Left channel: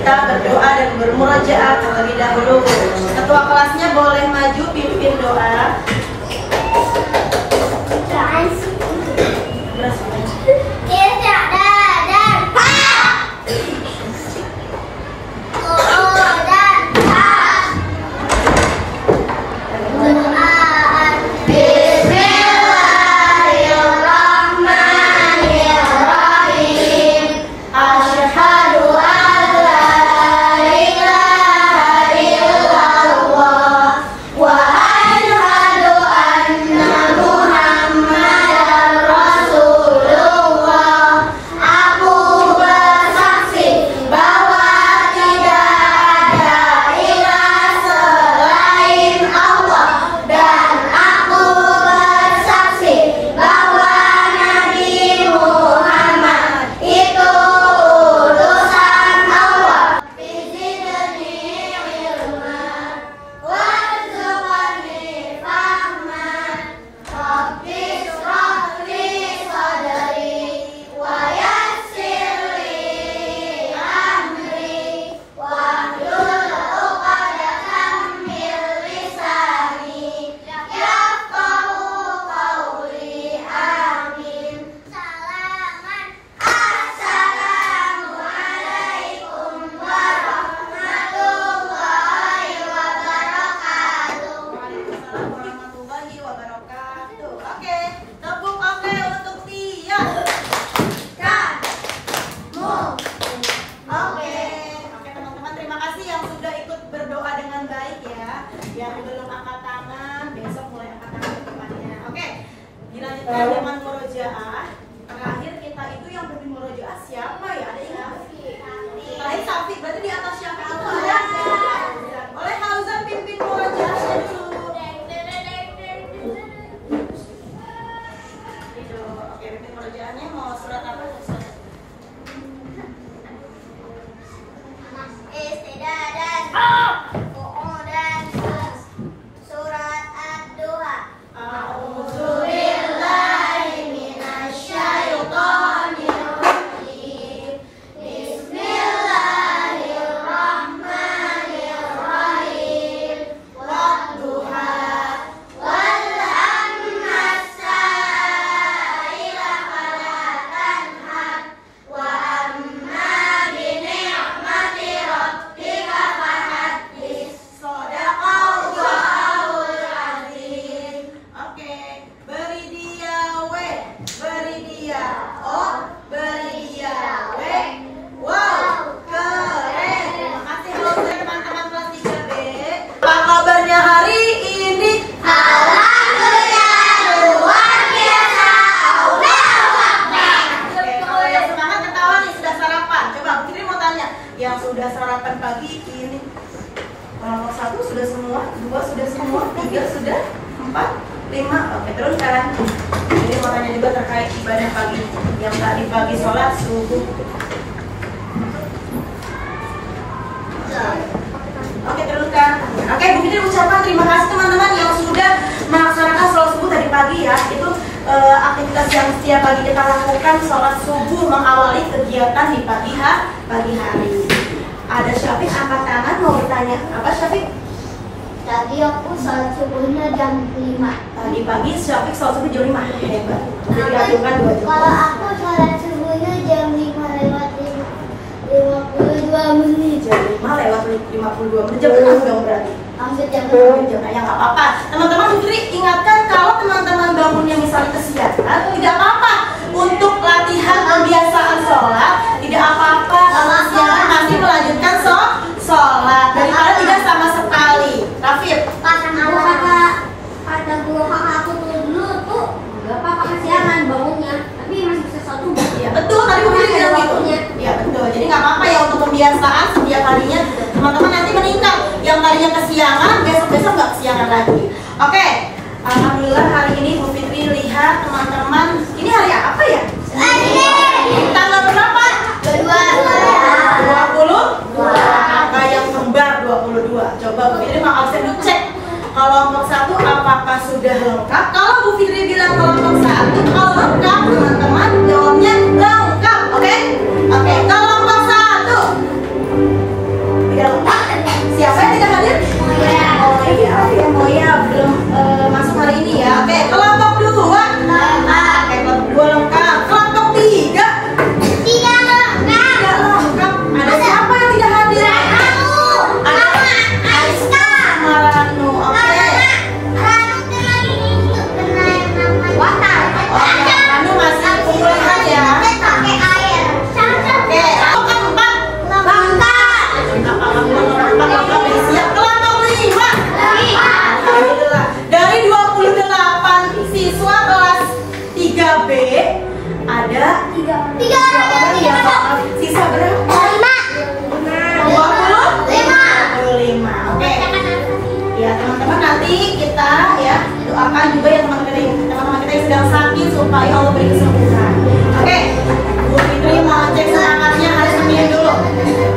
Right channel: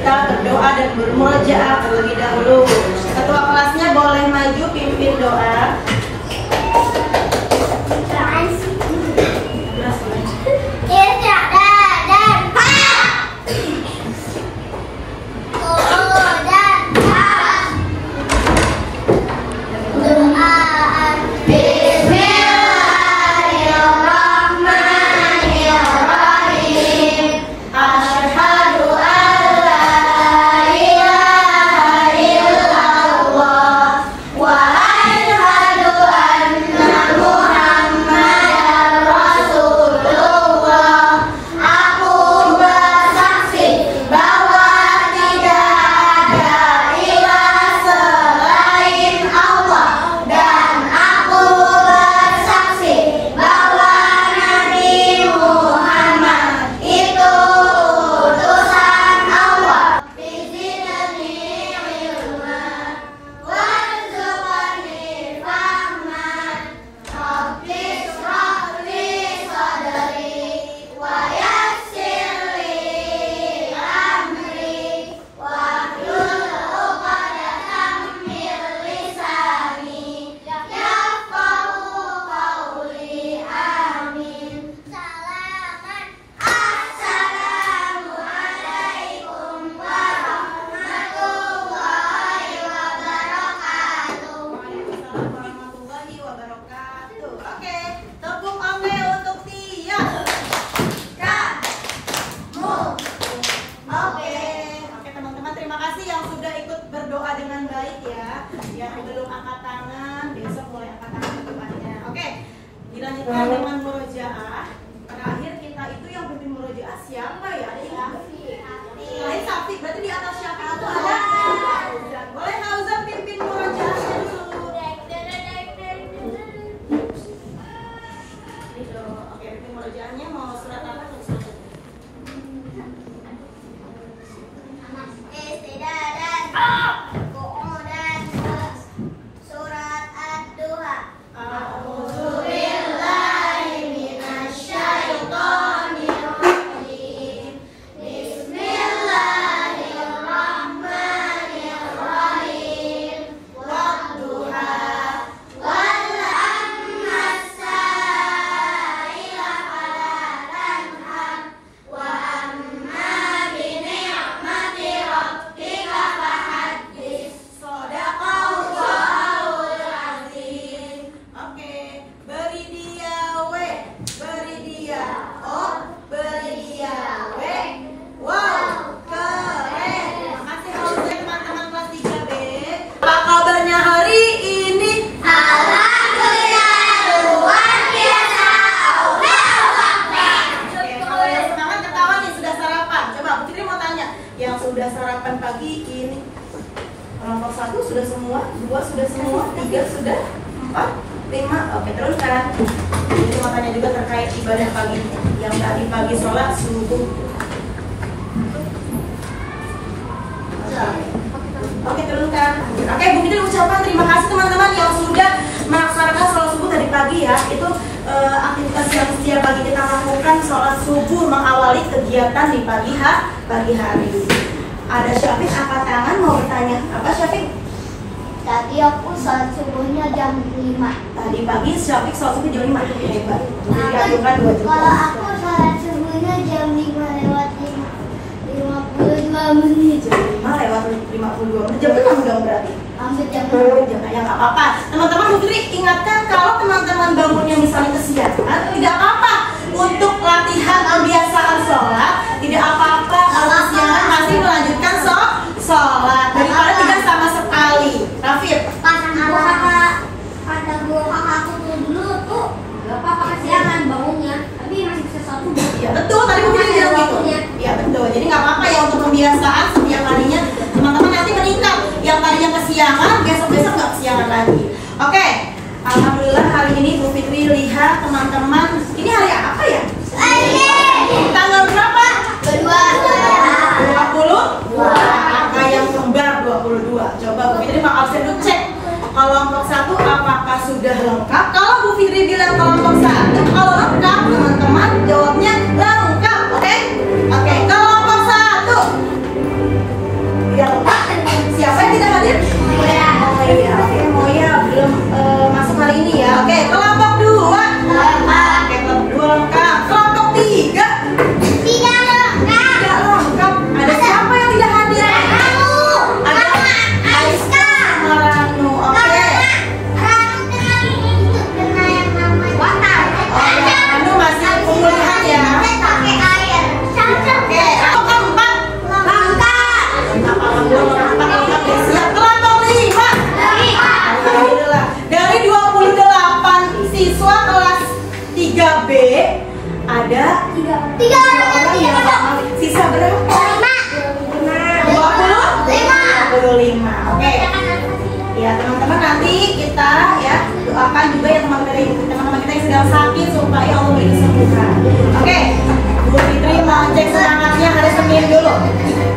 kita berdoa dan bermurojaah terlebih dahulu. Ketua kelasnya boleh maju pimpin doa. Dengan murojaah, terakhir kita itu yang pimpin murojaah siapa ya? Ada ingat? Lain Safi, berarti di atas siapa itu ada? Boleh Hauzan pimpin murojaahnya dulu. Oke, pimpin murojaahnya mau surat apa? Yang sudah sarapan pagi ini satu sudah semua, dua sudah semua, tiga sudah, empat, lima. Oke, teruskan. Ini makanya juga terkait ibadah pagi yang tadi pagi sholat subuh. Oke, teruskan. Oke, Bu Fitri ucapkan terima kasih teman-teman yang sudah melaksanakan sholat subuh tadi pagi ya. Itu aktivitas yang setiap pagi kita lakukan, sholat subuh mengawali kegiatan di pagi hari. Ada Syafiq angkat tangan mau bertanya. Apa Syafiq? Tadi aku sholat subuhnya jam 5. Tadi pagi Syafiq sholat subuh jam 5. Hebat. Jadi ajukan 2 jam. Kalau aku sholat subuhnya jam 5 lewat 52 menit. Jam 5 lewat 52 menit. Jam 6 dong berarti. Hampir jam 6. Ya nggak apa-apa. Teman-teman Bu Fitri ingatkan kalau teman-teman bangunnya misalnya kesiangan, tidak apa-apa. Untuk latihan kebiasaan sholat, tidak apa-apa. Kesiangan masih melanjutkan sholat daripada tidak sama sekali. Rafif, Kata guru kakak aku dulu tuh nggak apa-apa kesiangan bangunnya, tapi masih bisa sholat subuh. ya betul. Tadi Bu Fitri bilang gitu. Ya betul. Jadi nggak apa-apa ya untuk kebiasaan setiap harinya. Teman-teman nanti meningkat. Yang tadinya kesiangan, besok-besok nggak kesiangan lagi. Oke. Alhamdulillah hari ini Bu Fitri lihat teman-teman. Ini hari apa ya? Tanggal berapa? 22. Angka yang kembar 22. Coba Bu Fitri mau absen cek. Kelompok 1 apakah sudah lengkap? Kalau Bu Fitri bilang kelompok 1 kalau lengkap, teman-teman jawabnya lengkap. Oke? Oke, kelompok 1. Apa lengkap ya? Siap kelompok 5. Alhamdulillah. Dari 28 siswa kelas 3B ada 3 orang yang hafal. Sisa berapa? 25. Oke. Ya teman-teman, nanti kita ya doakan juga ya teman-teman kita yang sedang sakit supaya Allah beri kesembuhan. Oke. Bu Fitri mau cek semangatnya, harus Senin dulu.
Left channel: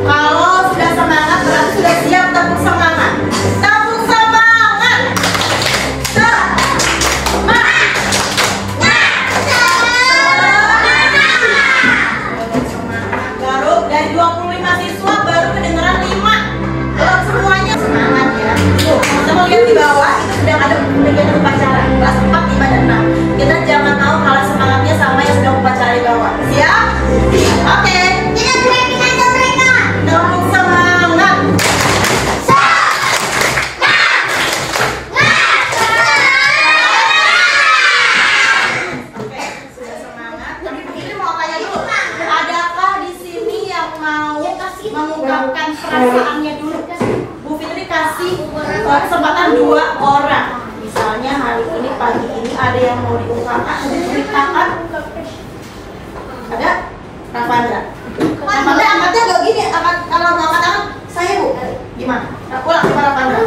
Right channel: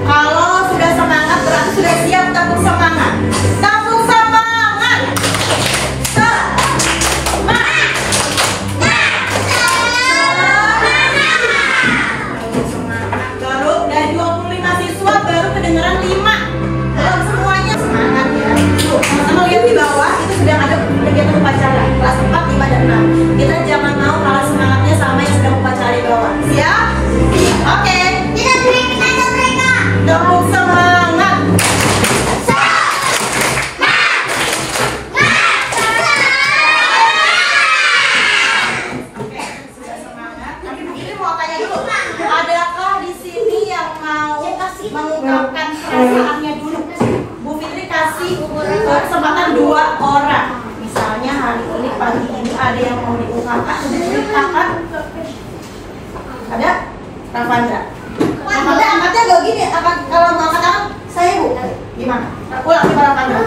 Kalau sudah semangat berarti sudah siap tepuk semangat. Tepuk semangat. Baru dari 25 siswa baru kedengeran 5. Belum semuanya semangat ya. Tuh, sama lihat di bawah itu sudah ada kegiatan upacara kelas 4, 5, dan 6. Kita jangan tahu kalah semangatnya sama yang sedang upacara di bawah. Siap? Oke. Kita teriakin aja mereka. Tepuk semangat. Oke, sudah semangat. Tapi begini mau tanya dulu. Adakah di sini yang mau mengungkapkan perasaannya dulu? Bu Fitri kasih kesempatan 2 orang. Misalnya hari ini, pagi ini ada yang mau diungkapkan, diceritakan. Ada? Ravandra. Ravandra angkatnya gak gini, kalau nggak angkat saya Bu. Gimana? Ulang di Ravandra.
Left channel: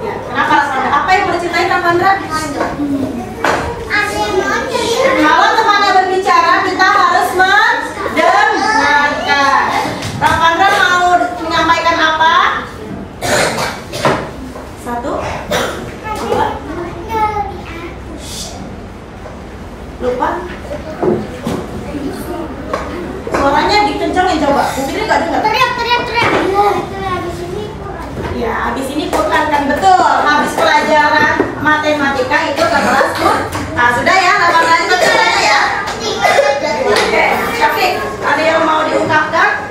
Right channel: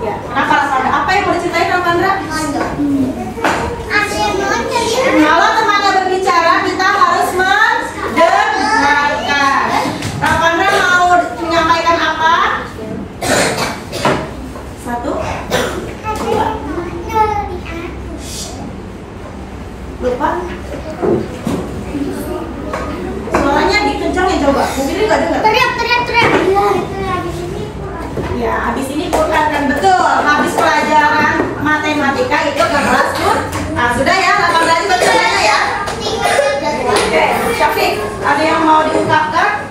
Ya, kenapa Ravandra? Apa yang mau diceritain Ravandra? Kalau temannya berbicara, kita harus mendengarkan. Ravandra mau menyampaikan apa? 1, 2. Lupa? Suaranya dikencangin coba. Mungkin nggak dengar. Teriak. Ya, habis ini Quran kan betul. Habis pelajaran matematika itu ke kelas Quran. Nah, sudah ya, 8 kali bacanya ya. Oke, Syafiq, ada yang mau diungkapkan?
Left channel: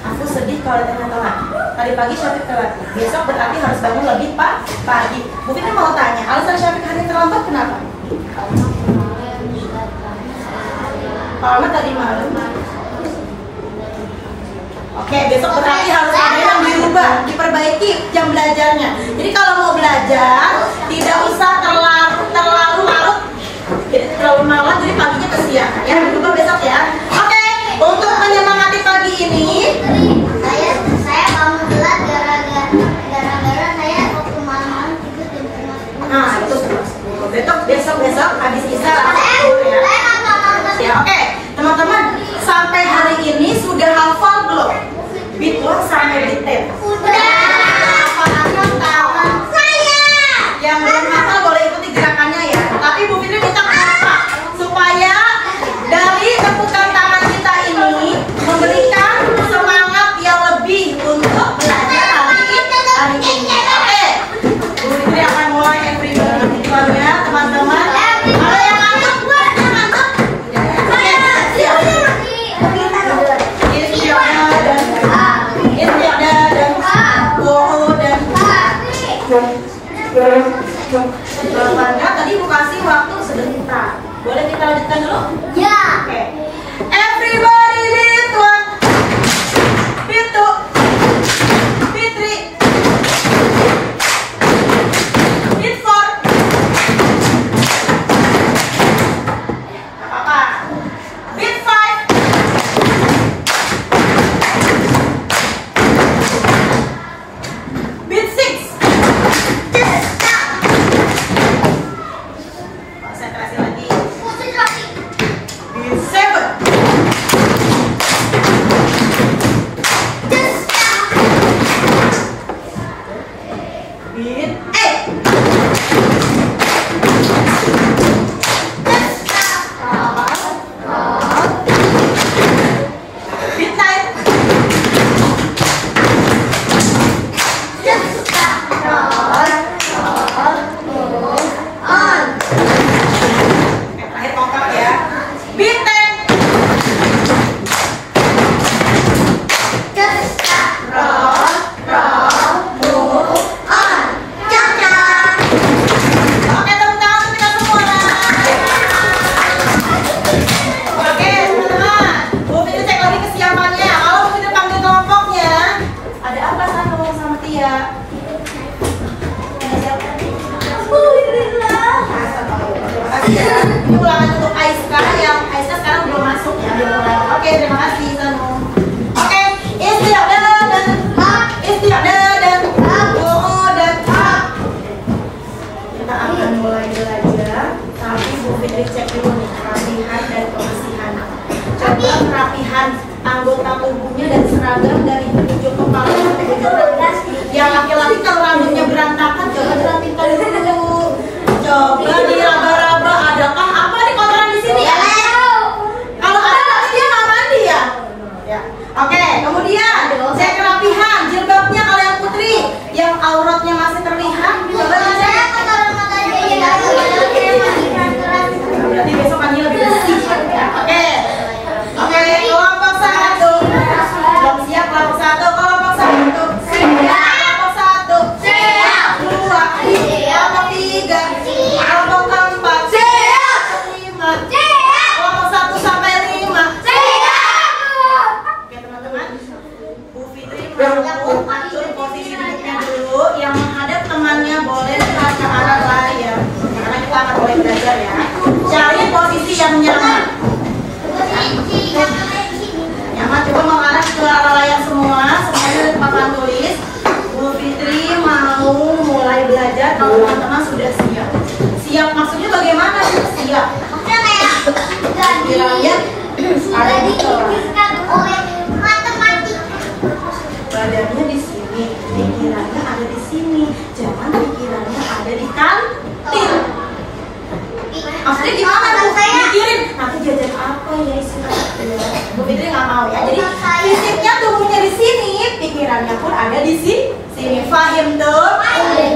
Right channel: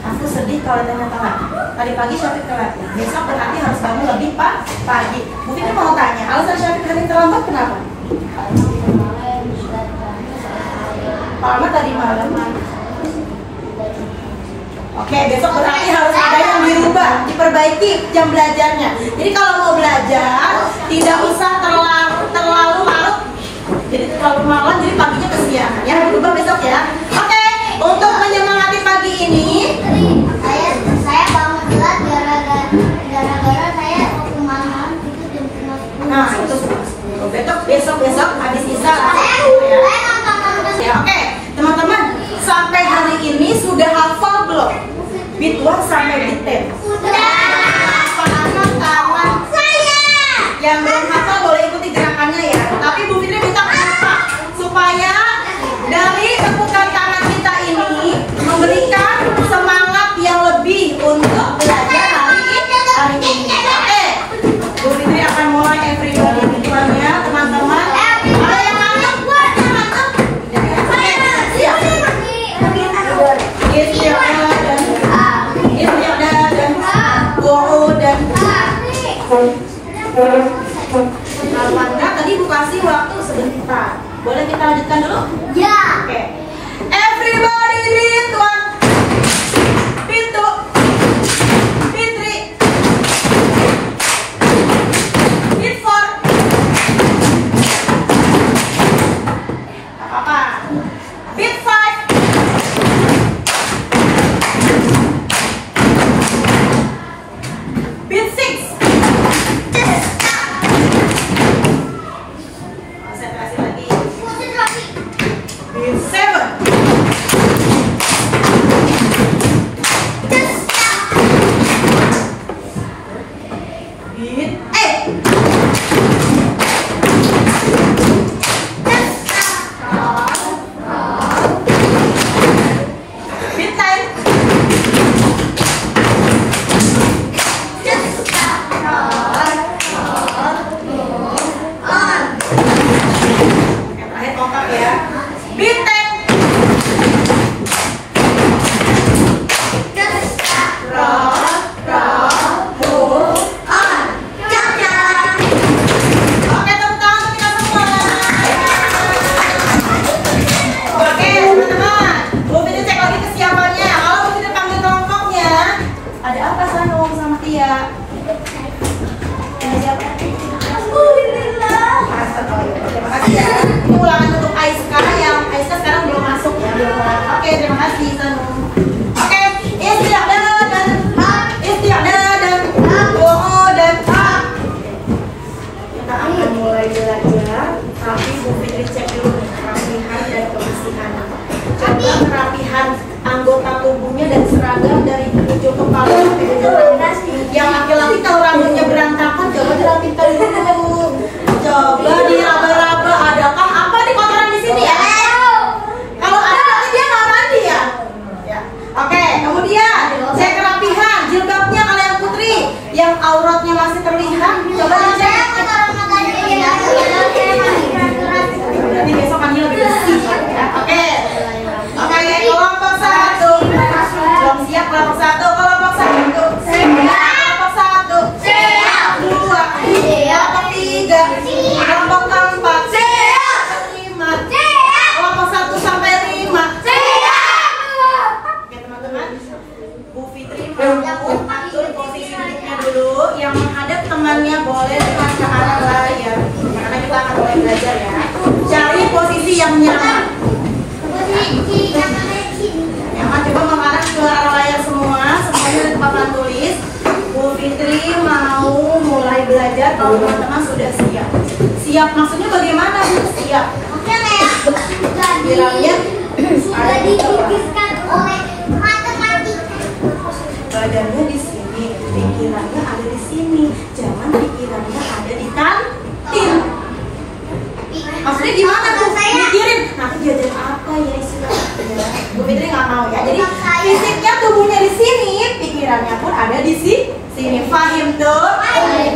Aku sedih kalau tanya telat. Tadi pagi Syafiq telat. Besok berarti harus bangun lebih pagi. Mungkin mau tanya, alasan Syafiq hari terlambat kenapa? Kalau tadi malam. Oke, besok berarti harus ada yang dirubah, diperbaiki jam belajarnya. Jadi kalau mau belajar tidak usah terlalu larut. Jadi terlalu malam, jadi paginya kesiangan ya. Dirubah besok ya. Oke, untuk menyemangati pagi ini, Saya bangun telat gara-gara saya waktu malam tidur jam 10. nah terus besok habis isa ya. Ya oke, teman-teman sampai hari ini sudah hafal belum? Bituang sampai detail. Hafal tangan saya. Yang belum hafal boleh ikuti gerakannya ya. Tapi Bu Fitri minta apa? Supaya dari peputar tangan kita ini memberikan semangat yang lebih untuk belajar hari ini. Oke, Bu Fitri akan mulai everybody ya teman-teman. Ada yang ngantuk? Ngantuk? Siap. Wanda tadi Bu kasih waktu sebentar. Boleh kita lanjutkan dulu? Ya. Oke. Everybody beat one. Beat two. Beat three. Beat four. Apa? Beat five. Beat six. Konsentrasi lagi. Beat seven. kerapihan anggota tubuhnya dan seragam dari ujung kepala sampai ujung rambut. Yang laki-laki kalau rambutnya berantakan, coba dirapikan dulu. Coba diraba-raba, adakah apa di kotoran di sini ya? Kalau ada berarti dia nggak mandi ya. Oke, kemudian cek kerapihan jilbabnya kalian putri yang auratnya masih terlihat. Coba dicek. Nanti besok kami lebih bersih. Oke, kelompok 1. Belum siap kelompok 1. Kelompok 1. Kelompok 1. Siap. 2. Kelompok 3. Kelompok 4. Siap. 5. Kelompok 1 sampai 5. Oke teman-teman, Bu Fitri mau atur posisi duduknya dulu. Yang menghadap temannya boleh ke arah layar, karena kita akan mulai belajar ya. Cari posisi yang nyaman. Nyaman, coba mengarah ke arah layar semua. Semuanya ada papan tulis. Bu Fitri mau mulai belajar kalau teman-teman sudah siap. Siap maksudnya bagaimana? Siap. Oke kayak Bilangnya ada di dikiskan oleh matematik. badannya di sini, pikirannya ada di sini, jangan pikirannya ada di kantin. Maksudnya gimana tuh? Mikirin nanti jajan apa ya istilahnya. Bu Fitri nggak mau ya. Jadi fisiknya tubuhnya di sini, pikirannya pun ada di sini. Fahim tuh?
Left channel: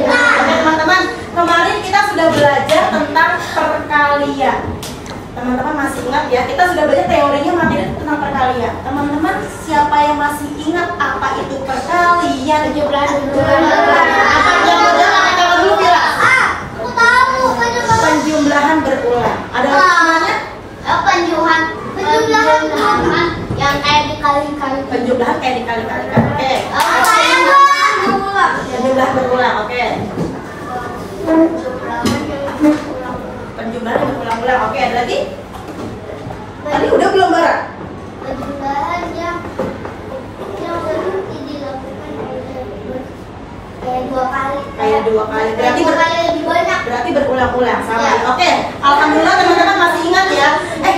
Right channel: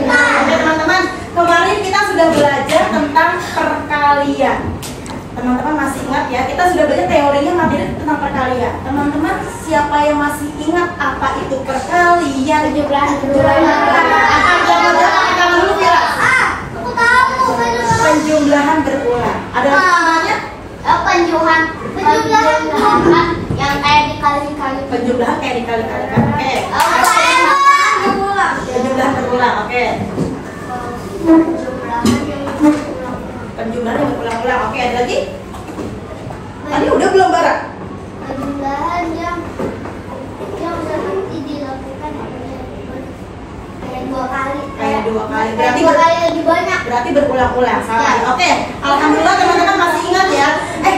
Nah, teman-teman, kemarin kita sudah belajar tentang perkalian. Teman-teman masih ingat ya? Kita sudah belajar teorinya materi tentang perkalian. Teman-teman, siapa yang masih ingat apa itu perkalian? Apa jangan dulu ya? Aku tahu Penjumlahan berulang. Ada namanya? penjumlahan yang kayak dikali-kali. Penjumlahan kayak dikali-kali. Oke. Penjumlahan berulang. Oke. Penjumlahan yang berulang-ulang. Oke, ada lagi? Tadi udah belum Bara? Penjumlahan yang berhenti dilakukan kayak 2 kali. Kayak 2 kali. Berarti Dua kali lebih banyak. berarti berulang-ulang sama Ya. ya. Oke. Alhamdulillah teman-teman masih ingat ya.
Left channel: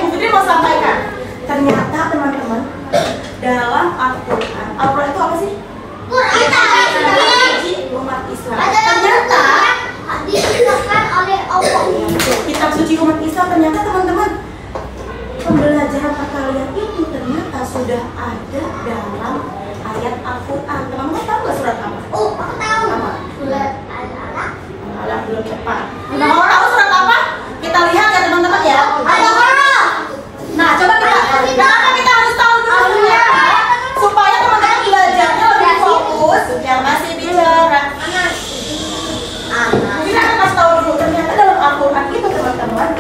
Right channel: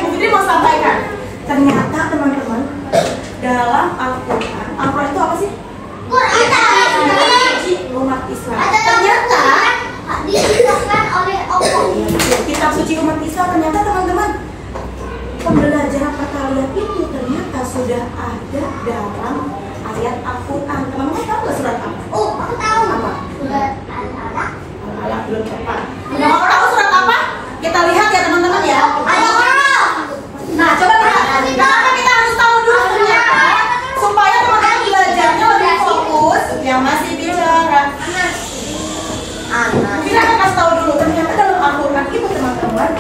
Bu Fitri mau sampaikan. Ternyata teman-teman dalam Al-Quran itu apa sih? Umat Islam. Ternyata diciptakan oleh Allah. kitab suci umat Islam, ternyata teman-teman pembelajaran perkalian itu ternyata sudah ada dalam ayat Al-Quran. Teman-teman tahu nggak surat apa? Oh, aku tahu. Apa? Surat Al-Alaq. Al belum tepat. Nah, mau tahu surat apa? Kita lihat ya teman-teman ya. Al-Alaq. Nah, coba lihat. Kenapa kita harus tahu dulu ternyata supaya teman-teman belajarnya lebih fokus. Yang masih bicara. Kita akan kasih tahu dulu ternyata dalam Al-Quran itu teman-teman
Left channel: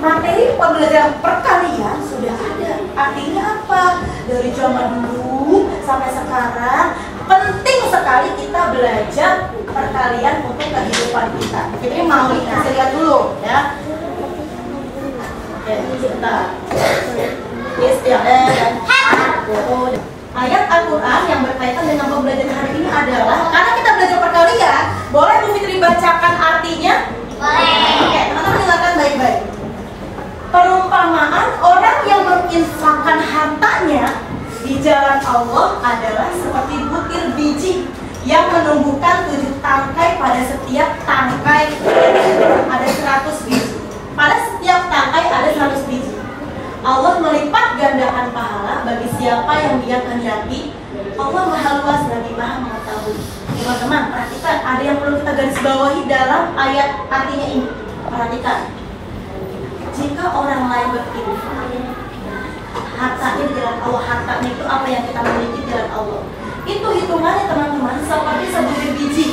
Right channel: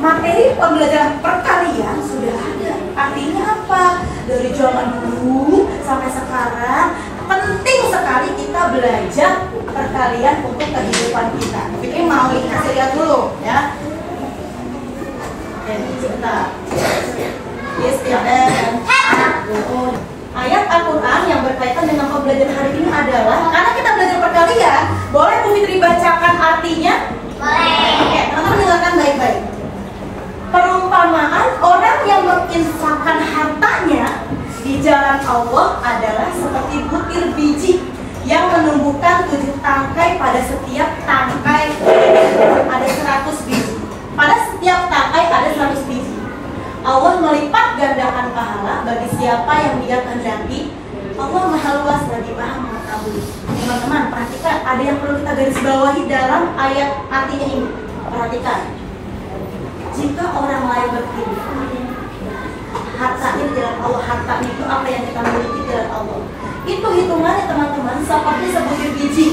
materi pembelajaran perkalian sudah ada. Artinya apa? Dari zaman dulu sampai sekarang penting sekali kita belajar perkalian untuk kehidupan kita. Kita mau kasih lihat dulu ya. Oke, sebentar. Ayat Al-Quran yang berkaitan dengan pembelajaran hari ini adalah karena kita belajar perkalian, boleh Bu Fitri bacakan artinya? Boleh. Oke, teman-teman dengarkan baik-baik. Perumpamaan orang yang menginfakkan hartanya di jalan Allah adalah seperti butir biji yang menumbuhkan 7 tangkai pada setiap tangkai ada 100 biji. Pada setiap tangkai ada 100 biji. Allah melipat gandakan pahala bagi siapa yang Dia kehendaki. Allah Maha Luas lagi Maha Mengetahui. Teman-teman, perhatikan, ada yang perlu kita garis bawahi dalam ayat artinya ini. Perhatikan. Jika orang lain berinfak, hartanya di jalan Allah, hartanya itu apa yang kita miliki di jalan Allah. Itu hitungannya teman-teman seperti sebutir biji.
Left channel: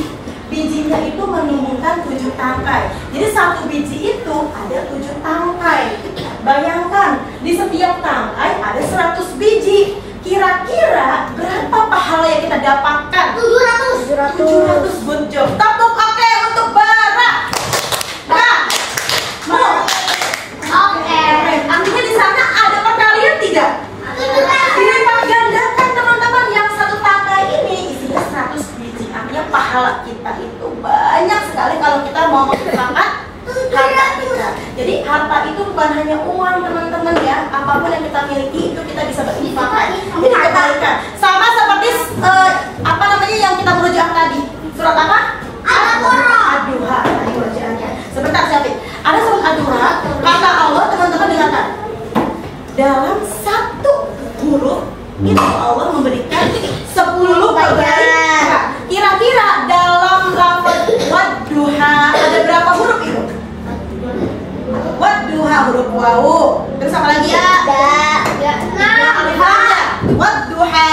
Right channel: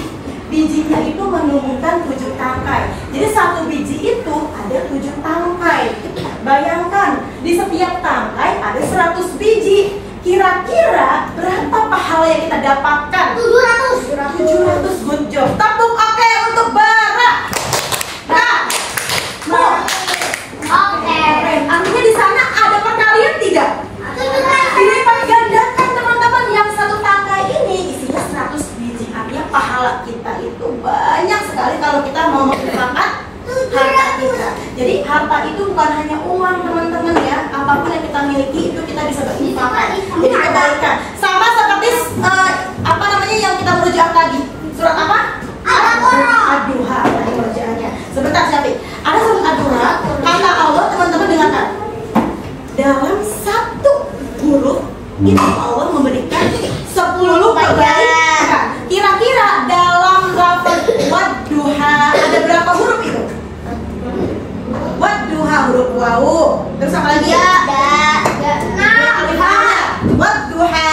Bijinya itu menumbuhkan 7 tangkai. Jadi satu biji itu ada 7 tangkai. Bayangkan di setiap tangkai ada 100 biji. Kira-kira berapa pahala yang kita dapatkan? 700. Good job. Tepuk oke untuk Bara. Nah, Oke. artinya di sana ada perkalian tidak? Dilipat gandakan teman-teman, yang satu tangkai ini isinya 100 biji. Artinya pahala kita itu banyak sekali kalau kita mau menginfakkan harta kita. Jadi harta itu bukan hanya uang teman-teman ya. Apapun yang kita miliki itu kita apa? Ad-Duha. Bacaannya. Sebentar Syafiq. Ada surat Ad-Duha. Kata Allah, teman-teman dengarkan. Dalam satu huruf itu Allah memberikan 10 kebaikan. Kira-kira dalam lafaz Wadduha ada berapa huruf itu? Wadduha huruf wawu. Terus apa lagi? Wadduha.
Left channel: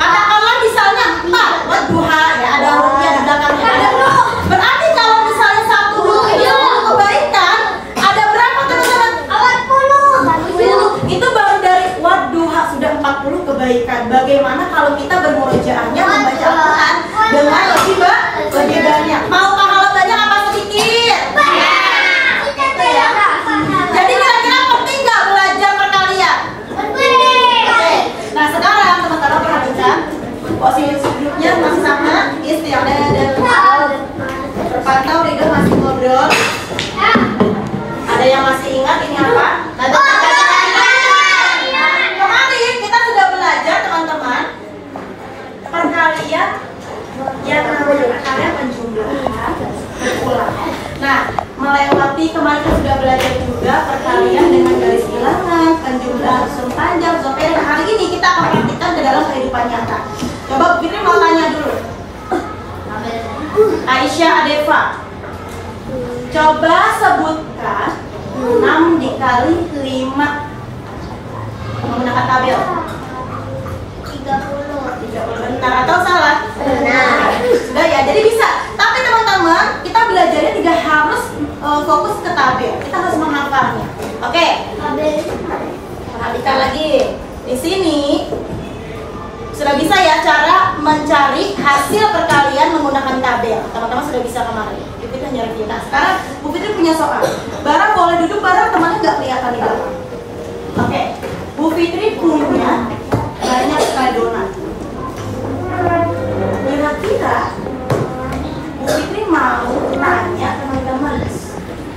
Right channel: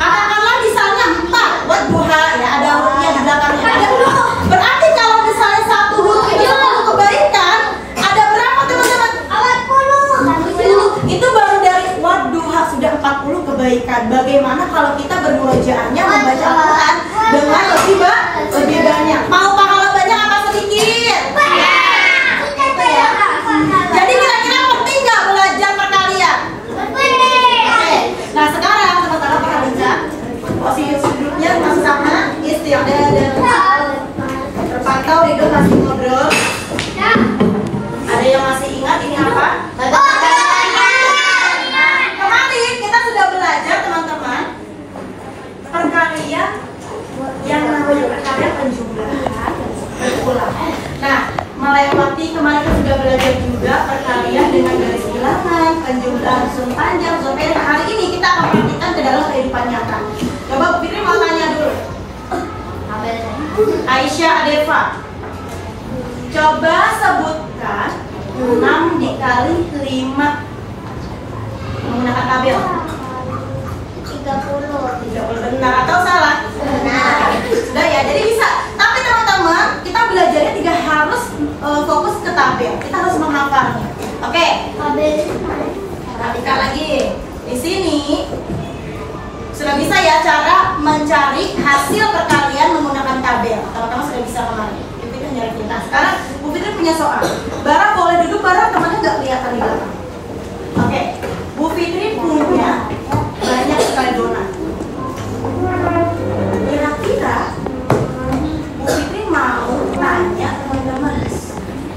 Katakanlah misalnya 4 Wadduha, ya ada hurufnya di belakangnya. Ada huruf. Berarti kalau misalnya satu huruf itu 10 kebaikan, ada berapa teman-teman? 40. Itu baru dari Wadduha sudah 40 kebaikan. Bagaimana kalau kita bermurojaahnya membaca Al-Quran dengan lebih banyak? Mau pahala banyak apa sedikit? Jadi kira-kira penting nggak belajar perkalian? Oke. Nah sekarang teman-teman perhatikan posisi duduknya masih sama, istiadah dan atau Ridho masih ngobrol. Ada yang masih ingat ini apa? Kemarin kita sudah belajar teman-teman perkalian yang namanya perkalian penjumlahan berulang. Nah, melewati kemarin kita sudah belajar juga perkalian dengan garis bilangan, penjumlahan sum panjang, sum pendek. Hari ini kita akan praktikkan ke dalam kehidupan nyata. Coba Bu Fitri mau tanya dulu. Aisyah Adefa, coba sebutkan 6 dikali 5 menggunakan tabel. 30 benar atau salah? Benar. Sudah ya, jadi bisa. Tapi teman-teman, kita belajarnya tidak harus fokus ke tabel. Kita harus menghafalnya. Oke. Tabel. Perhatikan lagi. Di sini sudah bisa ya cara mencari hasil perkalian menggunakan tabel. Teman-teman sudah bisa kemarin. Bu Fitri nyari kita. Sekarang Bu Fitri punya soal. Barang boleh duduk, barang temannya nggak kelihatan di belakang. Oke. Bu Fitri punya banyak sekali donat. Kira-kira Bu Fitri mau tanya teman-teman,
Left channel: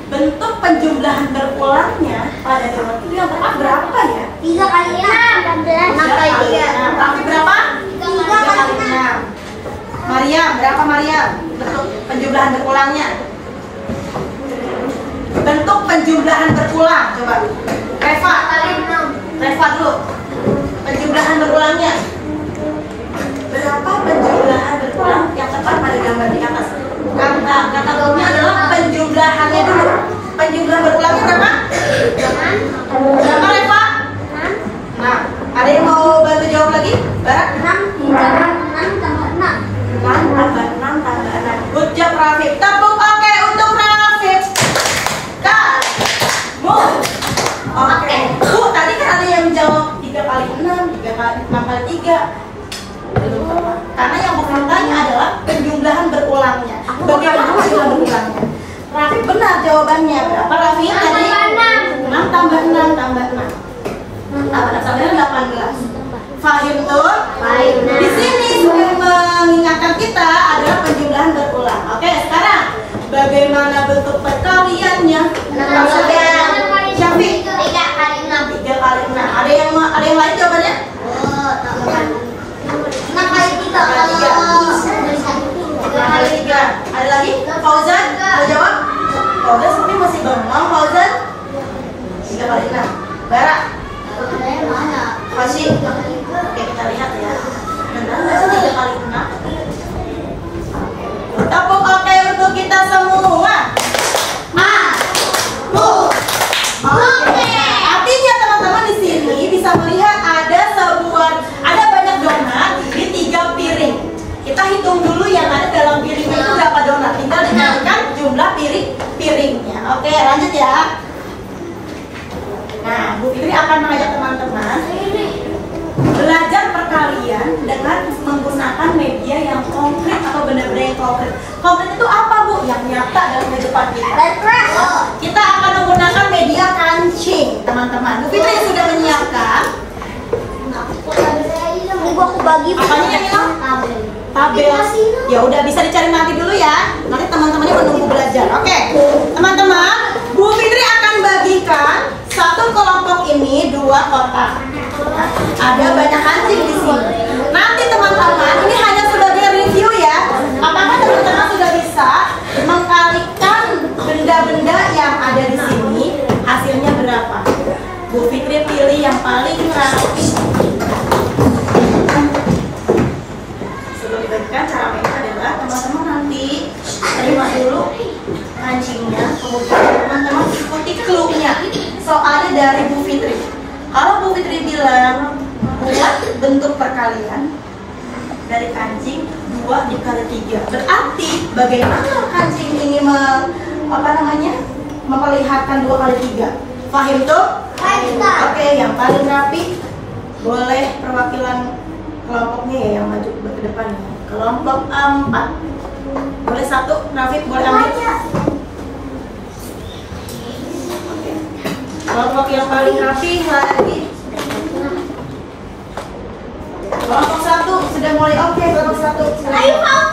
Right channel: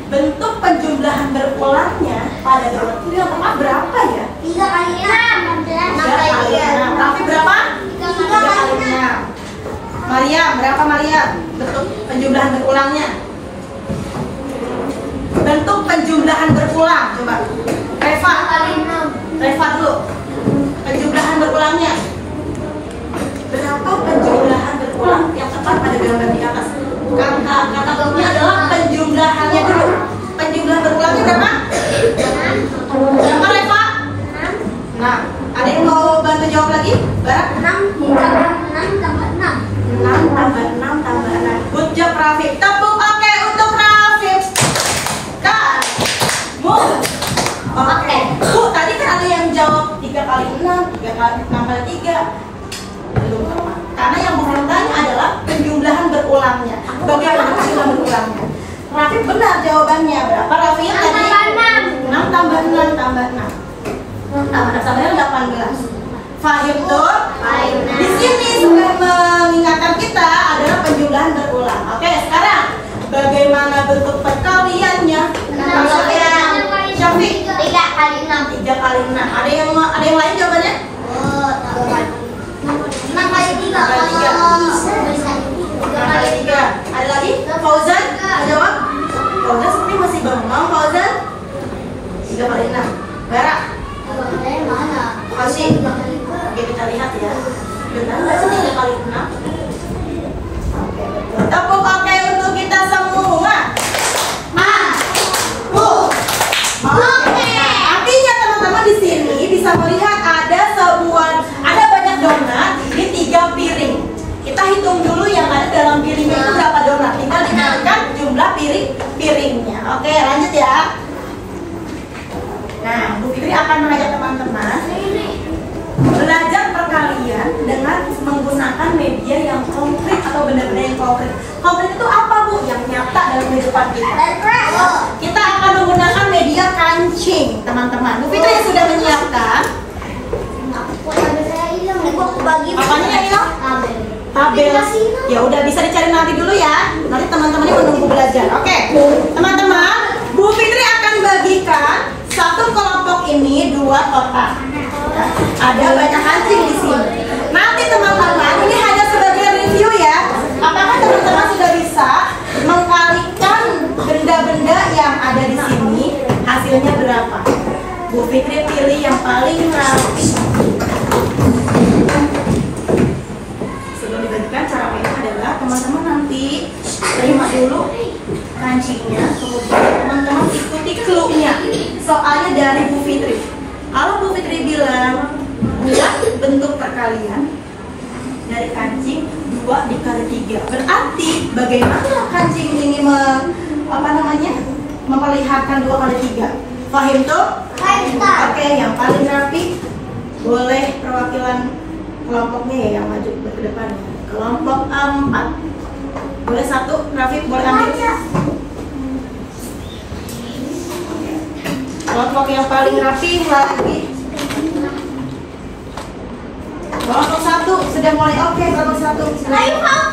bentuk penjumlahan berulangnya pada donat itu yang tepat berapa ya? 3 kali 6. 3 kali 6. Tapi berapa? 3 kali 6. Mariam, berapa Mariam? Bentuk penjumlahan berulangnya. Bentuk penjumlahan berulang, coba. Reva kali 6. Reva dulu. Penjumlahan berulangnya. Berapa penjumlahan berulang yang tepat pada gambar di atas? Kata kunci adalah penjumlahannya dulu. Penjumlahan berulangnya berapa? 6. Berapa Reva? 6. Nah, ada yang mau bantu jawab lagi? 6 tambah 6. 6 tambah 6 tambah 6. Good job Rafif. Tepuk oke untuk Rafif. Oke. Bu, tadi kan ada yang jawab 3 kali 6, 6 kali 3. Belum tepat. Karena yang bukan tanya adalah penjumlahan berulangnya. Bagaimana penjumlahan berulangnya? Rafif benar jawabannya. Berapa Rafif tadi? 6 tambah 6 tambah 6. Tambah 18. Fahim tuh? Di sini supaya mengingatkan kita adalah penjumlahan berulang. Oke, sekarang bagaimana bentuk perkaliannya? Syafiq 3 kali 6. 3 kali 6. Ada yang lain jawabannya? 6 kali 3. 3 kali 3. Ada lagi? Fauzan mau jawab? Fauzan seperti masih bengong. Fauzan 3 kali 6. Bara? Fauzi? Oke, kita lihat ya. Benar nggak sih 3 kali 6? Oke, betul. Tepuk oke untuk kita semua. Artinya teman-teman di sini bisa melihat ada banyak donat di 3 piring. Kita hitung dulu yang ada dalam piringnya itu berapa donat. Tinggal dikalikan jumlah piringnya. Oke, lanjut ya. Nah, Bu Fitri akan mengajak teman-teman belajar perkalian dengan menggunakan media yang konkret atau benda-benda yang konkret. Konkret itu apa Bu? Yang nyata dalam kehidupan kita. Kita akan menggunakan media kancing, teman-teman. Bu Fitri yang sudah menyiapkan. Apanya yang ini? Tabel. Ya udah, bisa dicari nanti dulu ya. Nanti teman-temannya menunggu belajar. Oke, teman-teman, Bu Fitri akan bagikan satu kelompok ini 2 kotak. Ada banyak kancing di sini. Nanti teman-teman, ini hanya sebagai review ya. Apakah teman-teman ada di sini hasilnya berapa? Bu Fitri pilih yang paling rapi. Sebelum dibagikan, cara mainnya adalah teman-teman nanti terima dulu kancingnya, kemudian teman-teman ikuti clue-nya. Soalnya dari Bu Fitri. Kalau Bu Fitri bilang enggak, bentuk perkalian dari kancing 2 dikali 3. Berarti bagaimana kancing ini memperlihatkan 2 kali 3? Paham tuh? Oke, yang paling rapi boleh perwakilan kelompoknya ya yang maju ke depan. Kelompok 4. Boleh satu, Rafiq boleh ambil. Oke. Kelompok yang paling rapi lagi. Kelompok 1 sudah mulai oke, kelompok 1. Ayo kau.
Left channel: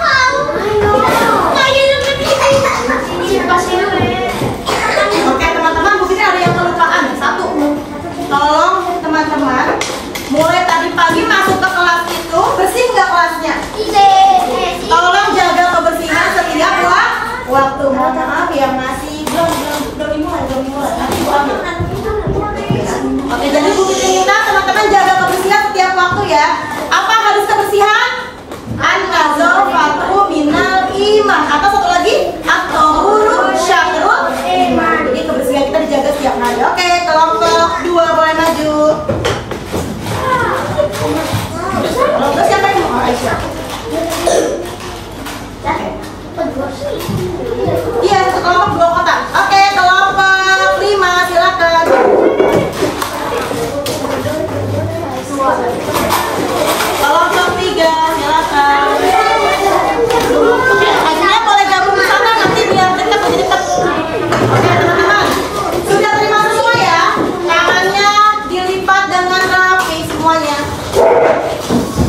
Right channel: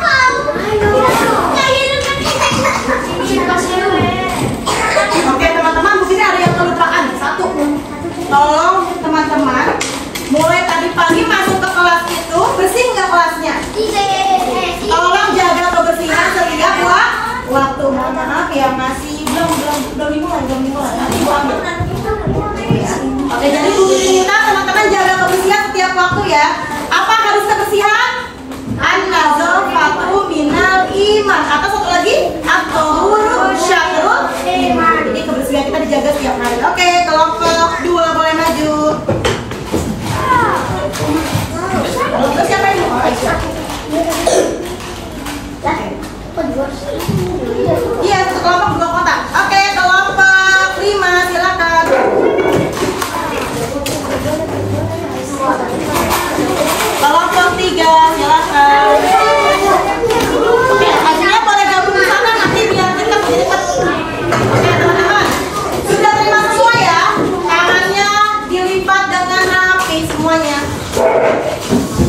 Oke teman-teman, Bu Fitri ada yang kelupaan. 1. Tolong teman-teman, mulai tadi pagi masuk ke kelas itu bersih nggak kelasnya? Tolong jaga kebersihan setiap waktu. Mohon maaf ya, masih belum dimulai. Nanti Bu ambil. Oke, jadi Bu Fitri minta teman-teman jaga kebersihan setiap waktu ya. Apa harus kebersihan? An-nazafatu minal iman. Atau satu lagi, at-tahuru syatrul iman. Jadi kebersihan kita dijaga setiap hari. Oke, kelompok 2 boleh maju. Kelompok siapa ini? Oh, Aisyah. Iya, kelompok 2 kotak. Oke, kelompok 5 silakan. Kelompok 3 silakan. Oke, hasilnya boleh gabung di sana nanti biar dekat jadi dekat. Oke, teman-teman. Sudah terima semua ya? Tangannya dilipat dengan rapi semuanya.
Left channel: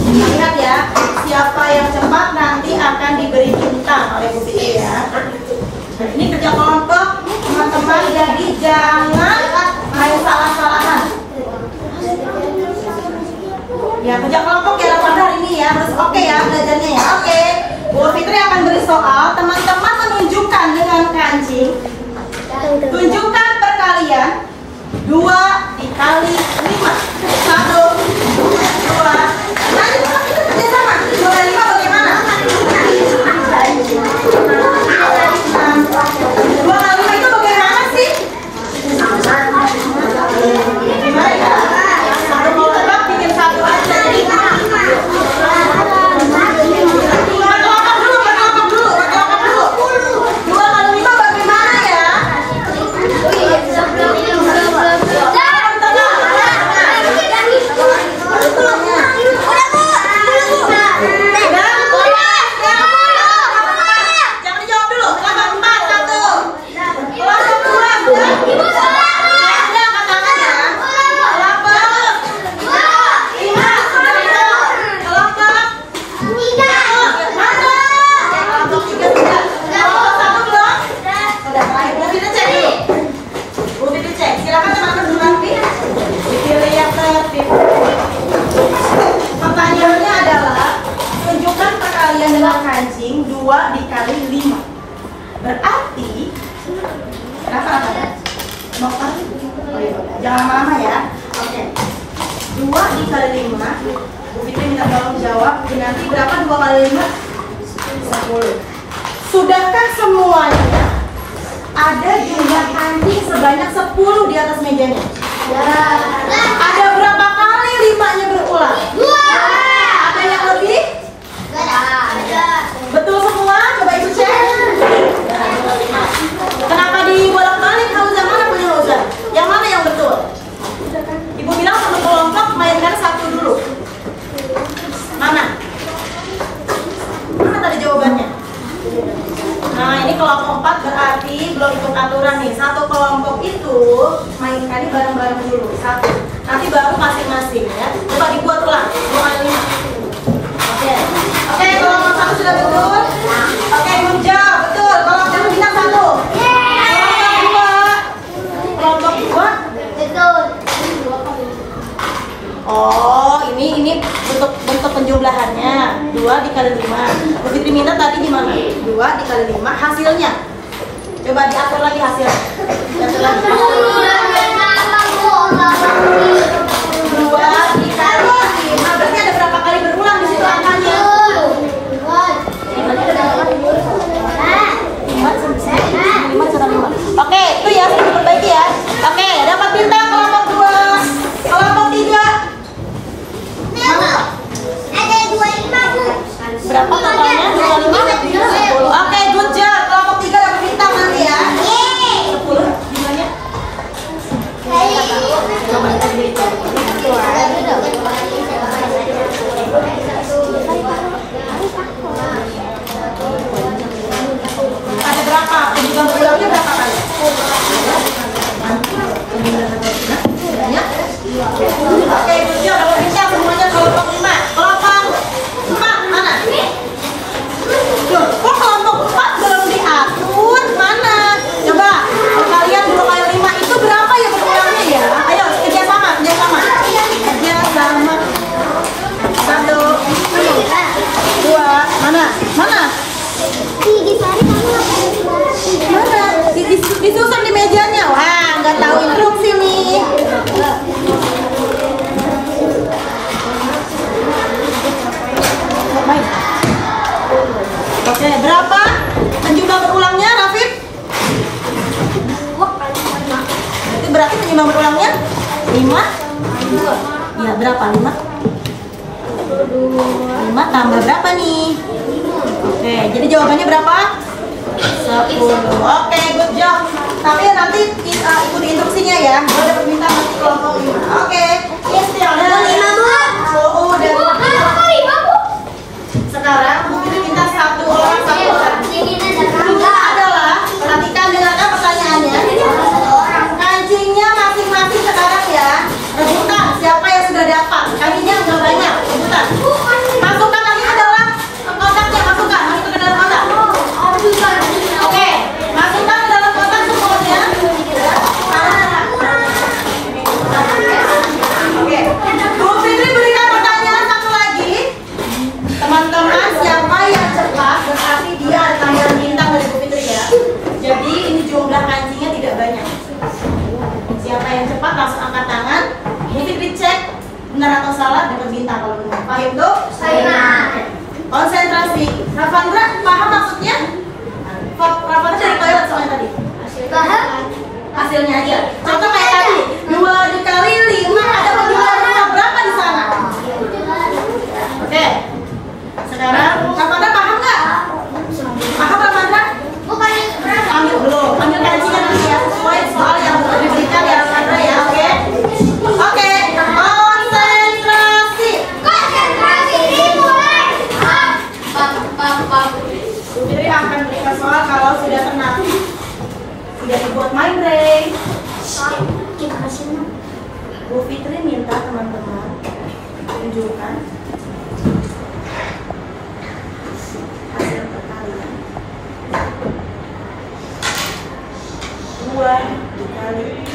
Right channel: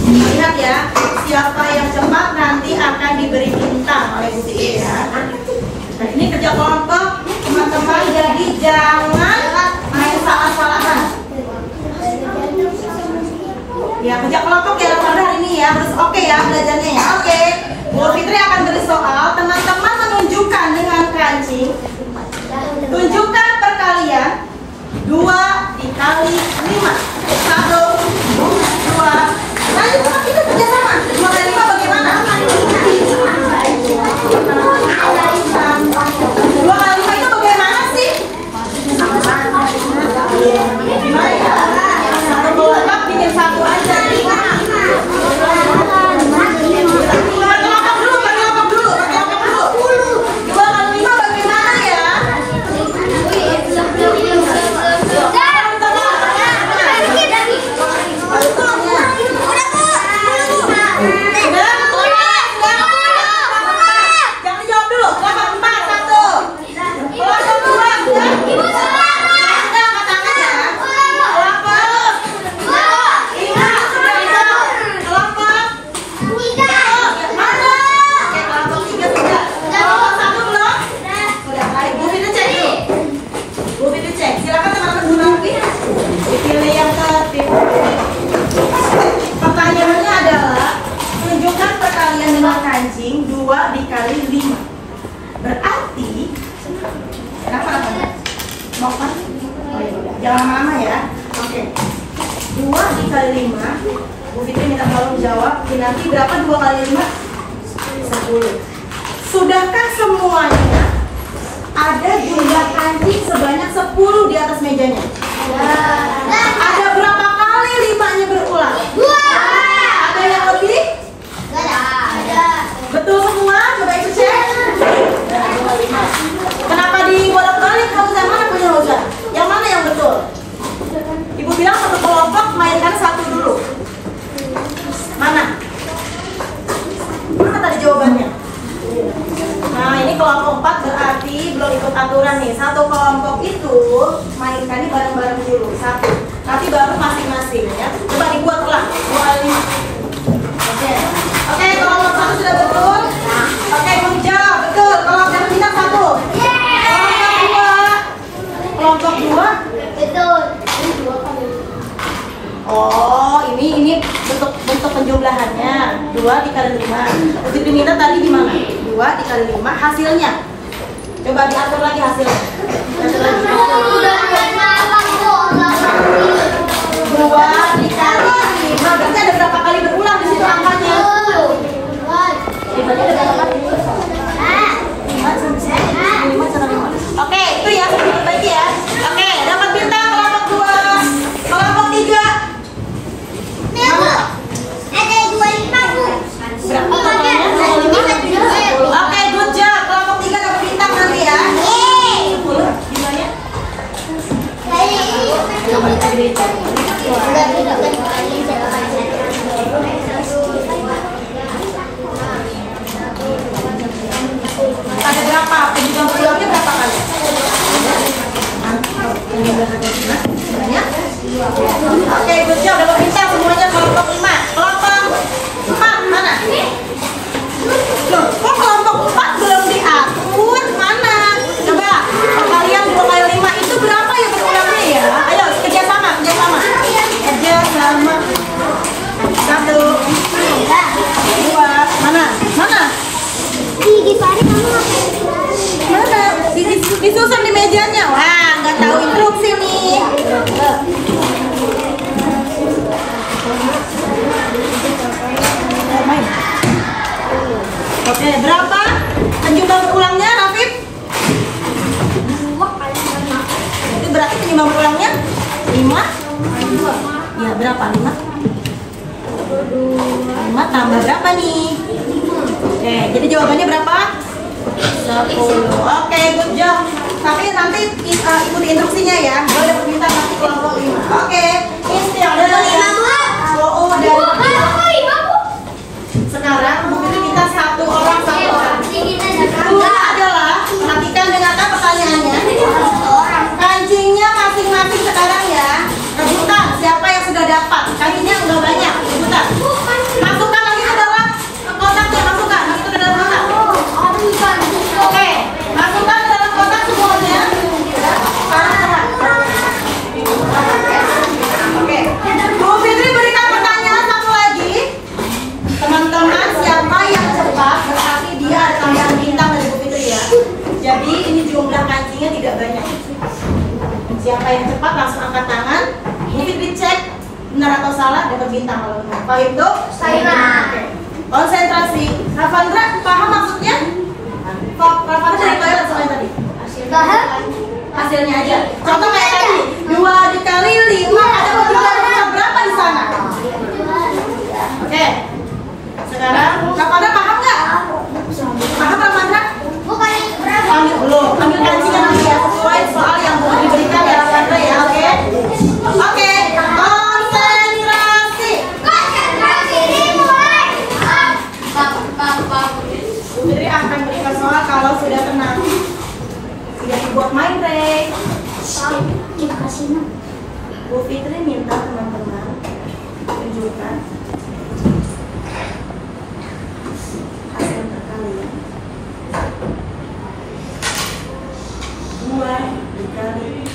Lihat ya, siapa yang cepat nanti akan diberi bintang oleh Bu Fitri ya. Nah, ini kerja kelompok teman-teman, jadi jangan main salah-salahan. Ya, kerja kelompok ya pada hari ini ya, harus oke ya belajarnya ya. Oke, Bu Fitri akan beri soal, teman-teman menunjukkan dengan kancing. Tunjukkan perkalian 2 dikali 5. 1, 2. Lanjut sama kita kerjasama. 2 kali 5 bagaimana? 2 kali 5 itu bagaimana sih? Gimana ya? 1 kelompok bikin 1 aja. Berkelompok dulu. 2 kali 5 bagaimana ya? Jangan jawab dulu. Kelompok 4 1. Kelompok 2 ada katakannya. Kelompok 5 sudah bisa. Kelompok 3 mana? Kelompok 3 sudah. Kelompok 1 belum? Sudah. Baik, Bu Fitri cek dulu. Bu Fitri cek. Silakan teman-teman duluan dipilih yang tertib. Pertanyaannya adalah tunjukkan perkalian dengan kancing 2 dikali 5. Berarti kenapa? Mau kan? Oh iya, jangan lama-lama ya. Oke. 2 dikali 5. Bu Fitri minta tolong jawab. Nanti berapa 2 kali 5? 10. Sudahkah semuanya ada jumlah kancing sebanyak 10 di atas mejanya? Ada berapa kali 5-nya berulang? 2. Ada yang lebih? Betul semua? Coba ibu cek. Kenapa dibolak-balik? Kamu yang mana punya Rosa? Yang mana yang betul? Ibu bilang satu kelompok mainkan 1 dulu. Mana? Mana tadi jawabannya? Nah, ini kelompok 4 berarti belum ikut aturan nih. Satu kelompok itu mainkannya bareng-bareng dulu. 1. Nanti baru masing-masing ya. Coba dibuat ulang. 2 kali. Oke, kelompok 1 sudah betul. Oke, belum jawab. Betul. Kelompok 1 bintang 1. Kelompok 2. Betul. Oh, ini bentuk penjumlahannya 2 dikali 5. Bu Fitri minta tadi gimana? 2 dikali 5 hasilnya. Coba diatur lagi hasilnya. Dua dikali 5, berarti ada berapa kali berulang di situ angkanya? 5 ada berapa kali? 5. Oke, itu ya, harus diperbaiki ya. Oke, dapat bintang kelompok 2. Kelompok 3. Mana? Ada 25, Bu. Berapa totalnya? 10. Oke, good job. Kelompok 3 dapat bintang nanti ya. 10 gimana? Coba kita berikan. Ada berapa? Penjualan berulangnya berapa kali? Banyak? Oke, good job. Dapat bintang semuanya kelompok 5. Kelompok 4 mana? Loh, kok kelompok 4 belum diatur? Mana? Coba, kalau kalian 2 kali 5 itu berapa ya berulangnya ya? Ayo, kerjasama. Kerjasama. 1, 2, mana? Mana? Disusun di mejanya. Wah, nggak tahu instruksi nih. Main. Oke, berapa penjumlah berulangnya, Rafif? Itu berarti penjumlah berulangnya 5? Ya, berapa? 5? 5 tambah berapa nih? Oke, jadi jawabannya berapa? 10. Oke, good job. Tapi nanti ikuti instruksinya ya. Boleh dapat bintang nanti kelompok 5. Oke, ini yang ada 5. Sekarang bukti minta 1 orang. Dua adalah, perhatikan dengarkan pertanyaannya. Kancingnya masing-masing sekarang ya. Rebutan siapa yang sudah dapat. Kancingnya udah banyak. Rebutan. Masukkan lagi ke dalam kotaknya. Masukkan ke dalam kotak. Oke, masukkan ke dalam kotak semuanya. Oke, Bu Fitri berikan pertanyaan satu lagi. Teman-teman, siapa yang cepat berarti dia ada tambahan bintang dari Bu Fitri ya. Jadi ini jumlah kancingnya tidak banyak. Siapa yang cepat langsung angkat tangan. Bu Fitri cek benar atau salah, dapat bintang kalau benar. Paham tuh? Saya. Konsentrasi. Rafandra paham maksudnya? Rafandra dari toilet soalnya tadi. Paham? Hasilnya aja. Contoh kayak tadi, 2 dikali 5 ada penjumlahan berapa di sana? Oke. Sekarang Rafandra paham nggak? Paham Rafandra? Bukan berapa? Ambil belum. Ambil kancingnya nanti ya sesuai soal yang diberikan ya Rafandra ya. Oke. Oke. Konsentrasi. Dimulai. Bu Fitri akan berikan soal kalau sudah tenang. Sudah dibuat main break. Bu Fitri minta teman-teman tunjukkan hasil perkalian 2 dikali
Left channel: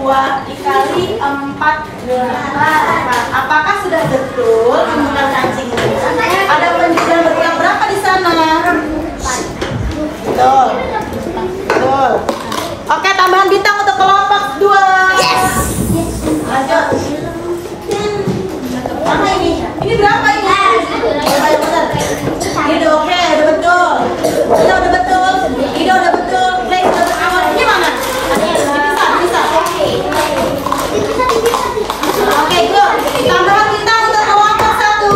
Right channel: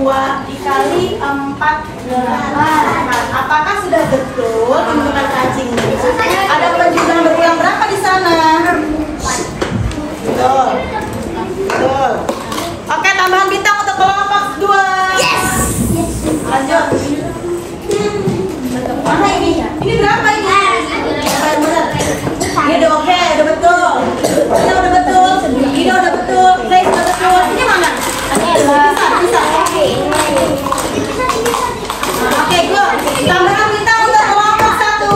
2 dikali 4 8. Apakah sudah betul jumlah kancingnya? Ada penjumlahan berulang berapa di sana? 4. Betul. Betul. Oke, tambahan bintang untuk kelompok 2. Yes. Lanjut. Mana ini? Ini berapa ini? Berapa yang benar? Ini udah oke, udah betul. Ini udah betul. Ini udah betul. Play udah betul. Ini mana? Bisa. Oke, good. Tambahan bintang untuk kelompok 1.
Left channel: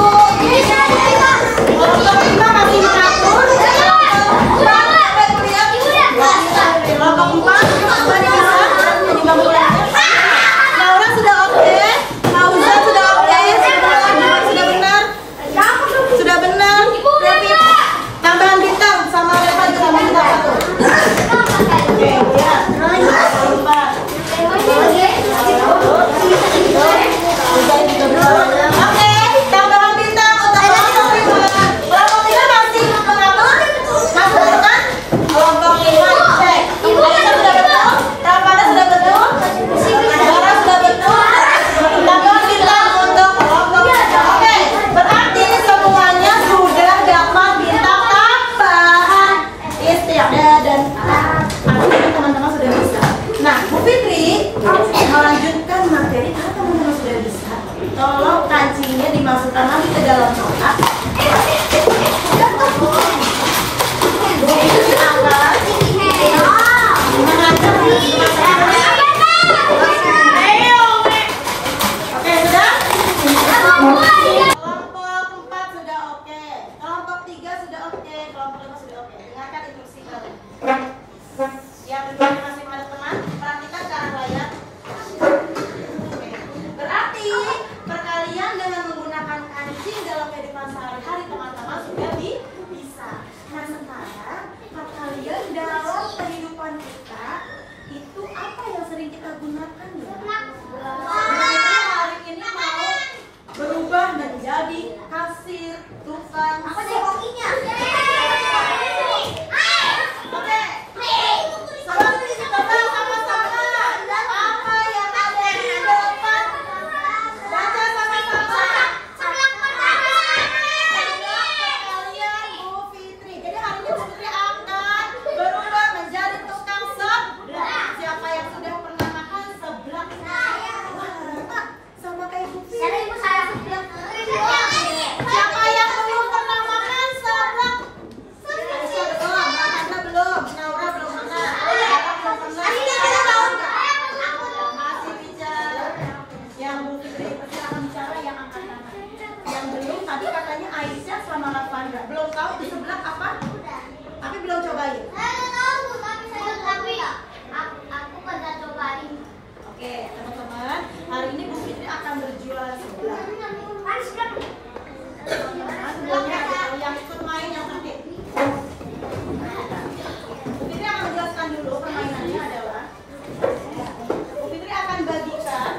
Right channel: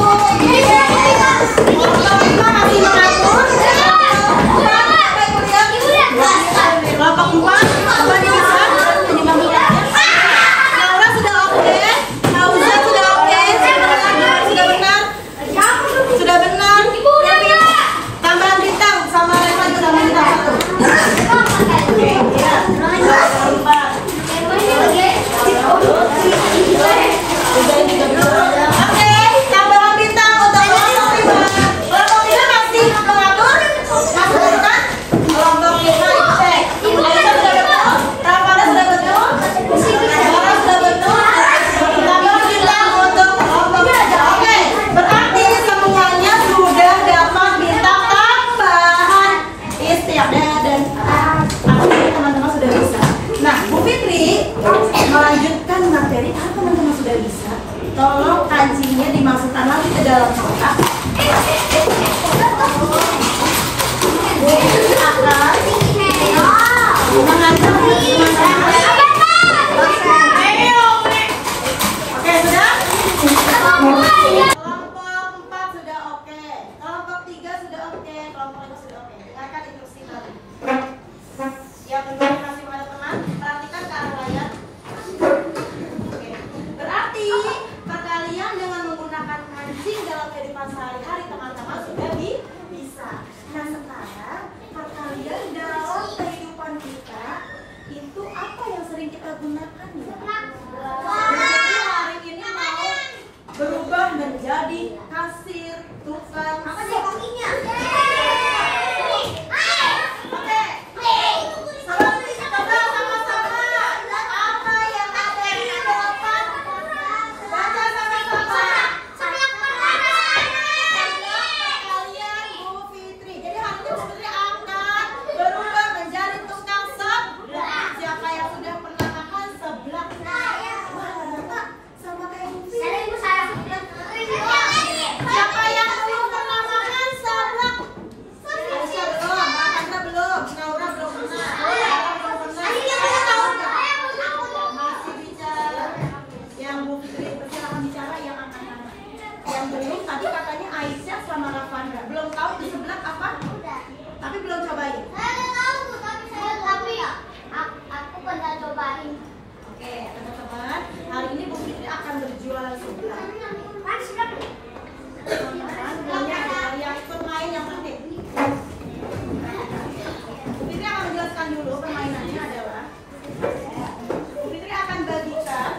Jadi kalau teman-teman sudah bisa, tolong kancingnya dimasukkan lagi ke dalam kotak. Sehari-hari teman-teman sudah bisa. Nah sekarang perkalian dalam kehidupan kita itu apa yang sering kita gunakan ya? Jadi hari ini mau berubah menjadi kasir, tukang. Apa sih hokinya? Tadi katanya Aisyah sama Lavanda belum tahu di sebelah apa? Tapi belum cobain. Saya tahu, tapi aku pernah cobain. Oke, teman-teman, hari ini Bu Fitri akan berjualan sebelah. Sebelumnya ada yang ikut main yang penting. Bu Fitri akan menjelaskan dulu permainannya adalah Bu Fitri akan bagikan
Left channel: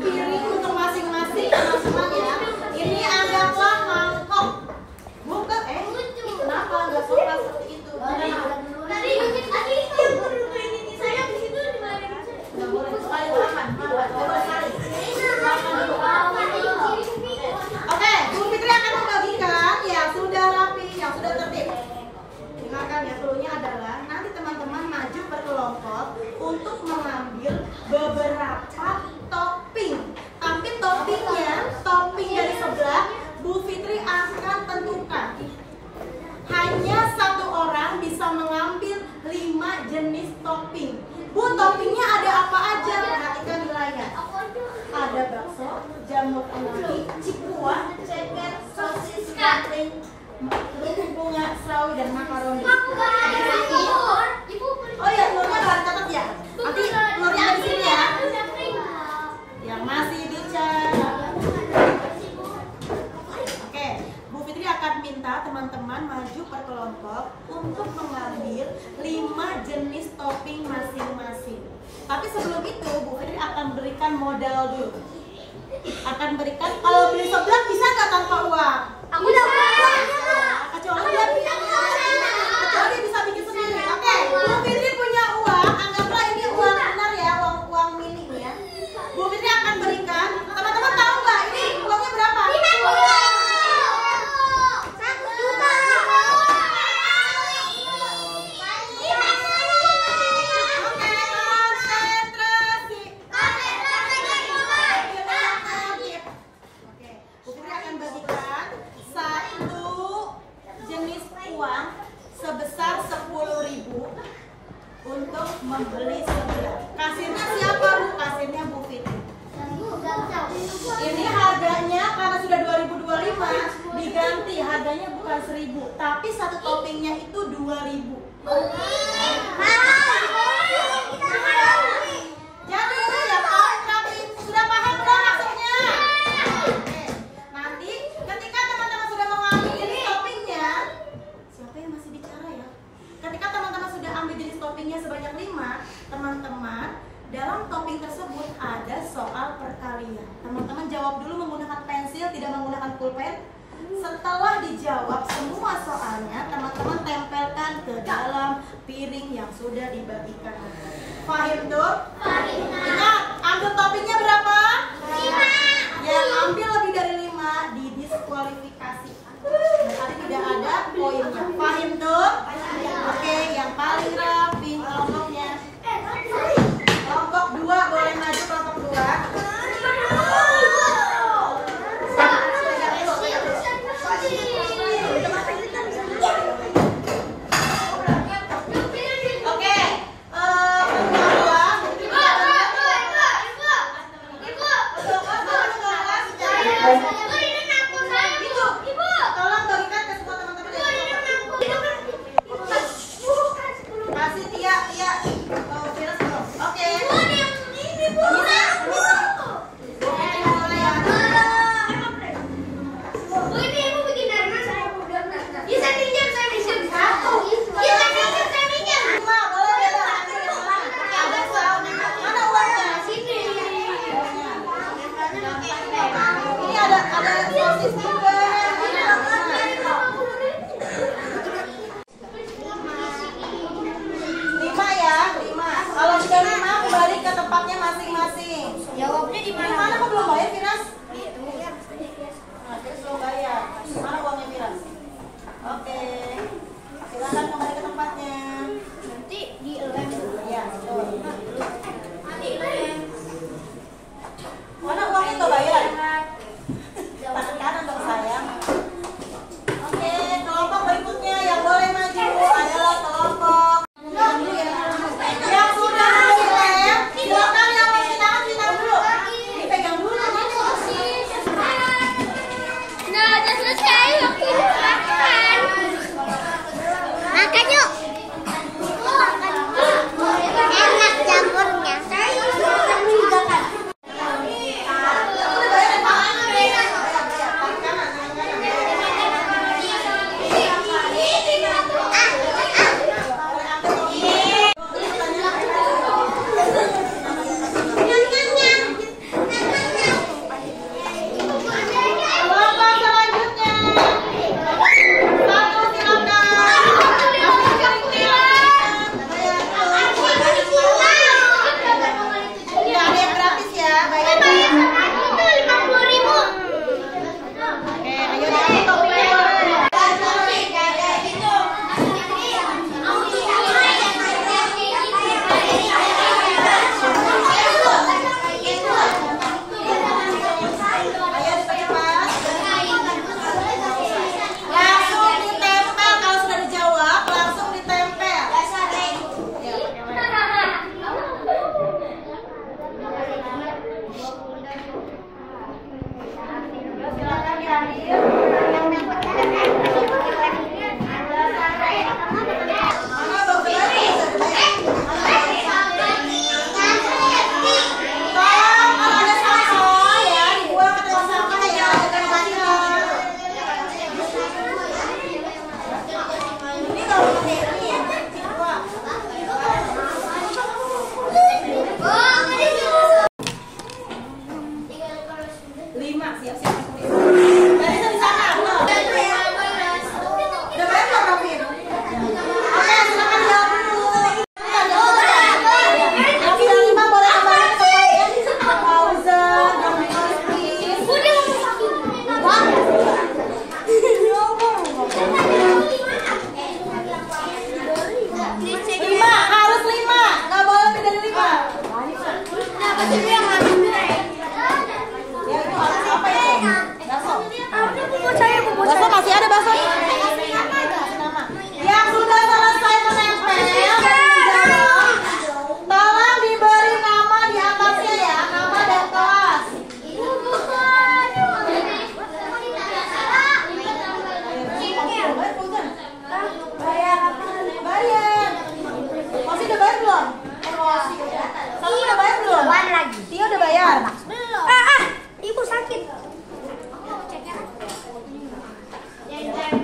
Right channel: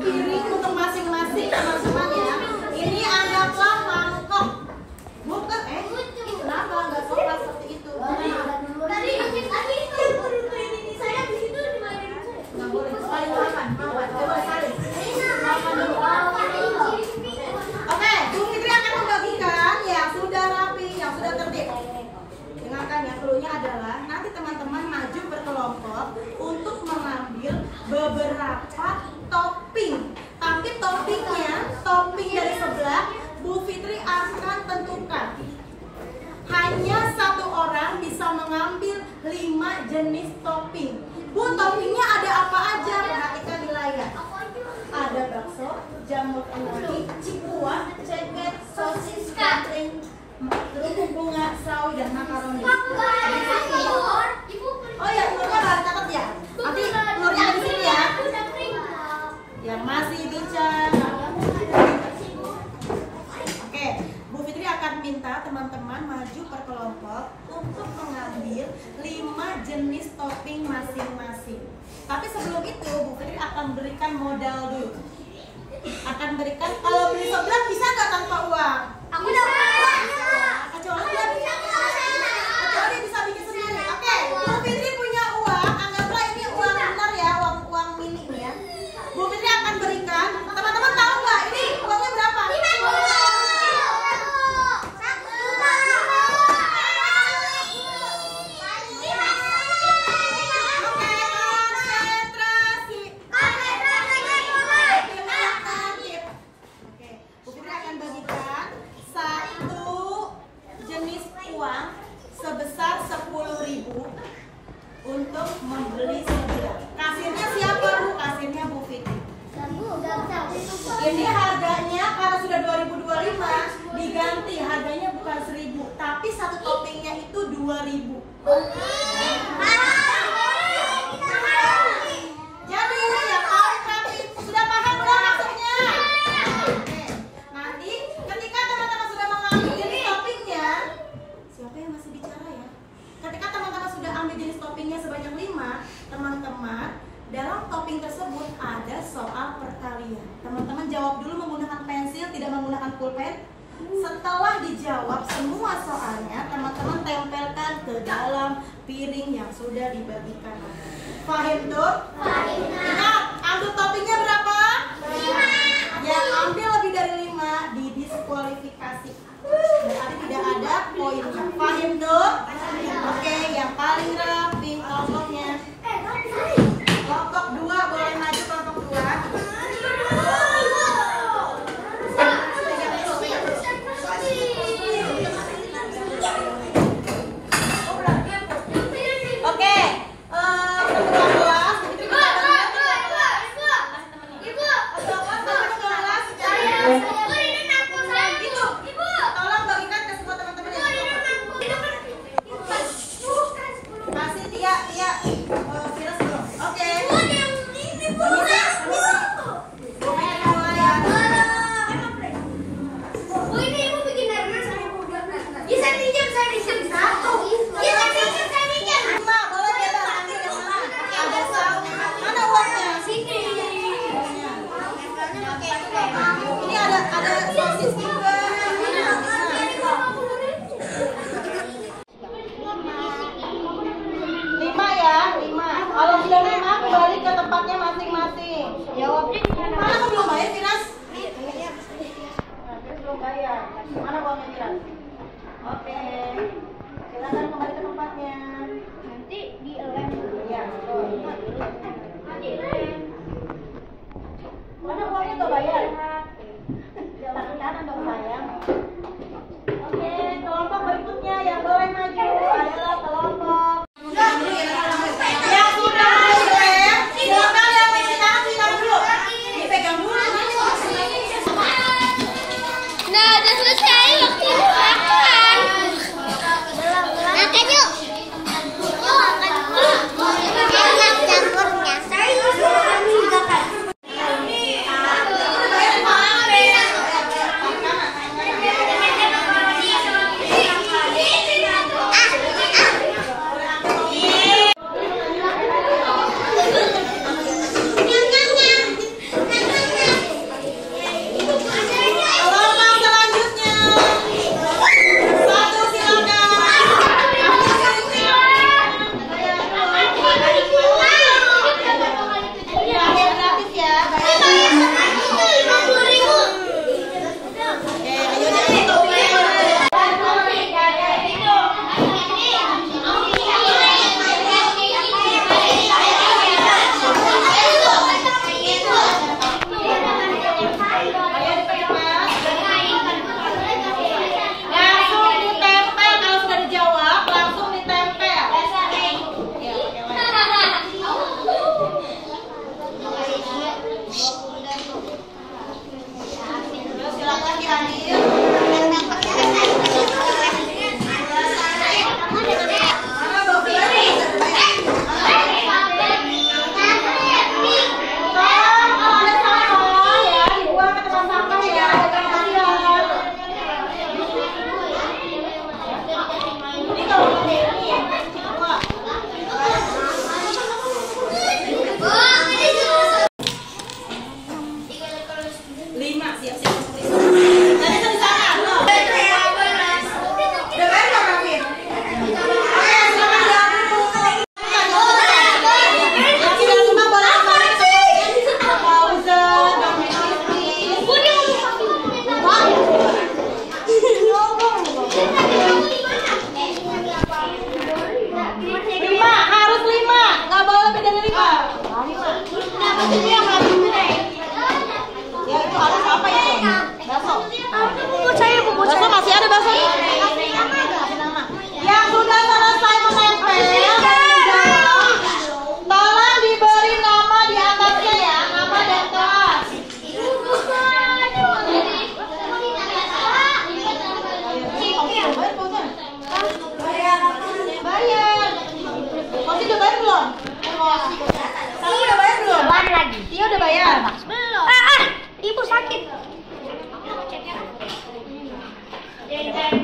piring untuk masing-masing teman-teman ya. Ini anggaplah mangkok. Bukan kenapa nggak sopan seperti itu? Tadi itu ini saya di situ di mana saya? Nggak boleh. Saling makan. Coba saling. Oke, Bu Fitri akan membagikan yang sudah rapi, yang sudah tertib. Dengarkan ya, cluenya adalah nanti teman-teman maju berkelompok untuk mengambil beberapa topping. Tapi topping dari sebelah Bu Fitri akan tentukan. Hanya satu orang bisa mengambil 5 jenis topping. Bu, toppingnya ada apa aja? Perhatikan di layar. Ada bakso, jamur kenali, cikuan, ceker, sosis, kapling, bunga, sawi, dan makaroni. Oh ya, telurnya harus catat ya. Nanti telurnya ada di sini ya. Yang masih bicara. Oke, Bu Fitri akan minta teman-teman maju per kelompok untuk mengambil 5 jenis topping masing-masing. Tapi sebelum itu Bu Fitri akan berikan modal dulu. Akan berikan, kalau beli sebelah bisa nggak tanpa uang? Kecuali bisa bikin sendiri. Oke, Bu Fitri punya uang, anggaplah ini uang benar ya, uang mini ya. Bu Fitri akan berikan, teman-teman tahu nggak ini uangnya berapa? Oke, konsentrasi. Oke, Bu Fitri akan bagikan 1 jenis uang sebesar 10.000 untuk membeli sebelah. Kasirnya siapa Bu? Kasirnya Bu Fitri. Ini harganya karena sudah 2025 diganti, harganya bukan 1.000 tapi satu toppingnya itu 2.000. Jadi ya tapi sudah paham belum maksudnya? Nanti ketika teman-teman sudah mengambil jenis toppingnya, siapa yang masih bicara ya? Ketika teman-teman sudah ambil jenis toppingnya sebanyak 5, teman-teman dalam topping tersebut ada soal perkalian. Teman-teman jawab dulu menggunakan pensil, tidak menggunakan pulpen. Setelah dijawab semua soalnya, teman-teman tempelkan ke dalam piring yang sudah dibagikan. Fahim tuh? Ingat, ambil toppingnya berapa? 5. Yang ambil lebih dari 5 didiskualifikasi. Berarti tidak ada poin. poinnya. Paham tuh? Oke, yang paling rapi kelompoknya. Kelompok 2 boleh maju kelompok 2. Kalau sudah 5 kembali ke tempatnya masing-masing. Jawabnya di mana? Mana kok belum bayar, Firas? Nah, terus belum bayar. Mana uangnya, Firas? Oke. Silakan kembali ke tempatnya. Nanti di lem. Iya, betul. Di lem. Mana uangnya tuh bayar? Tangan kanan dong sayang. Oke, kelompok berikutnya yang boleh maju adalah kelompok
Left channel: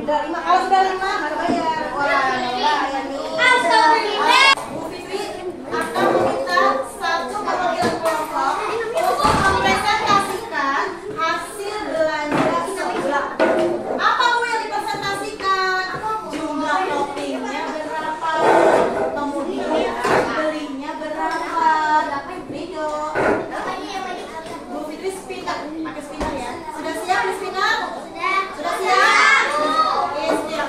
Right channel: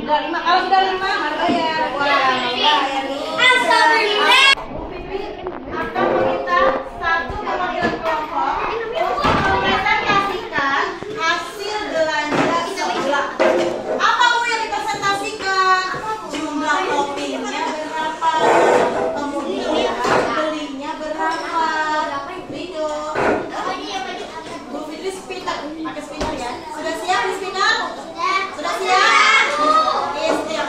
Udah 5, kalau sudah 5 mari bayar. Bu Fitri akan meminta satu perwakilan kelompok untuk mempresentasikan hasil belanja sebelah. Apa Bu yang dipresentasikan? Jumlah toppingnya berapa? Kemudian belinya berapa? Video. Bu Fitri spinner, pakai spinner ya. Sudah siap di spinner? Sudah siap? Oke, siap.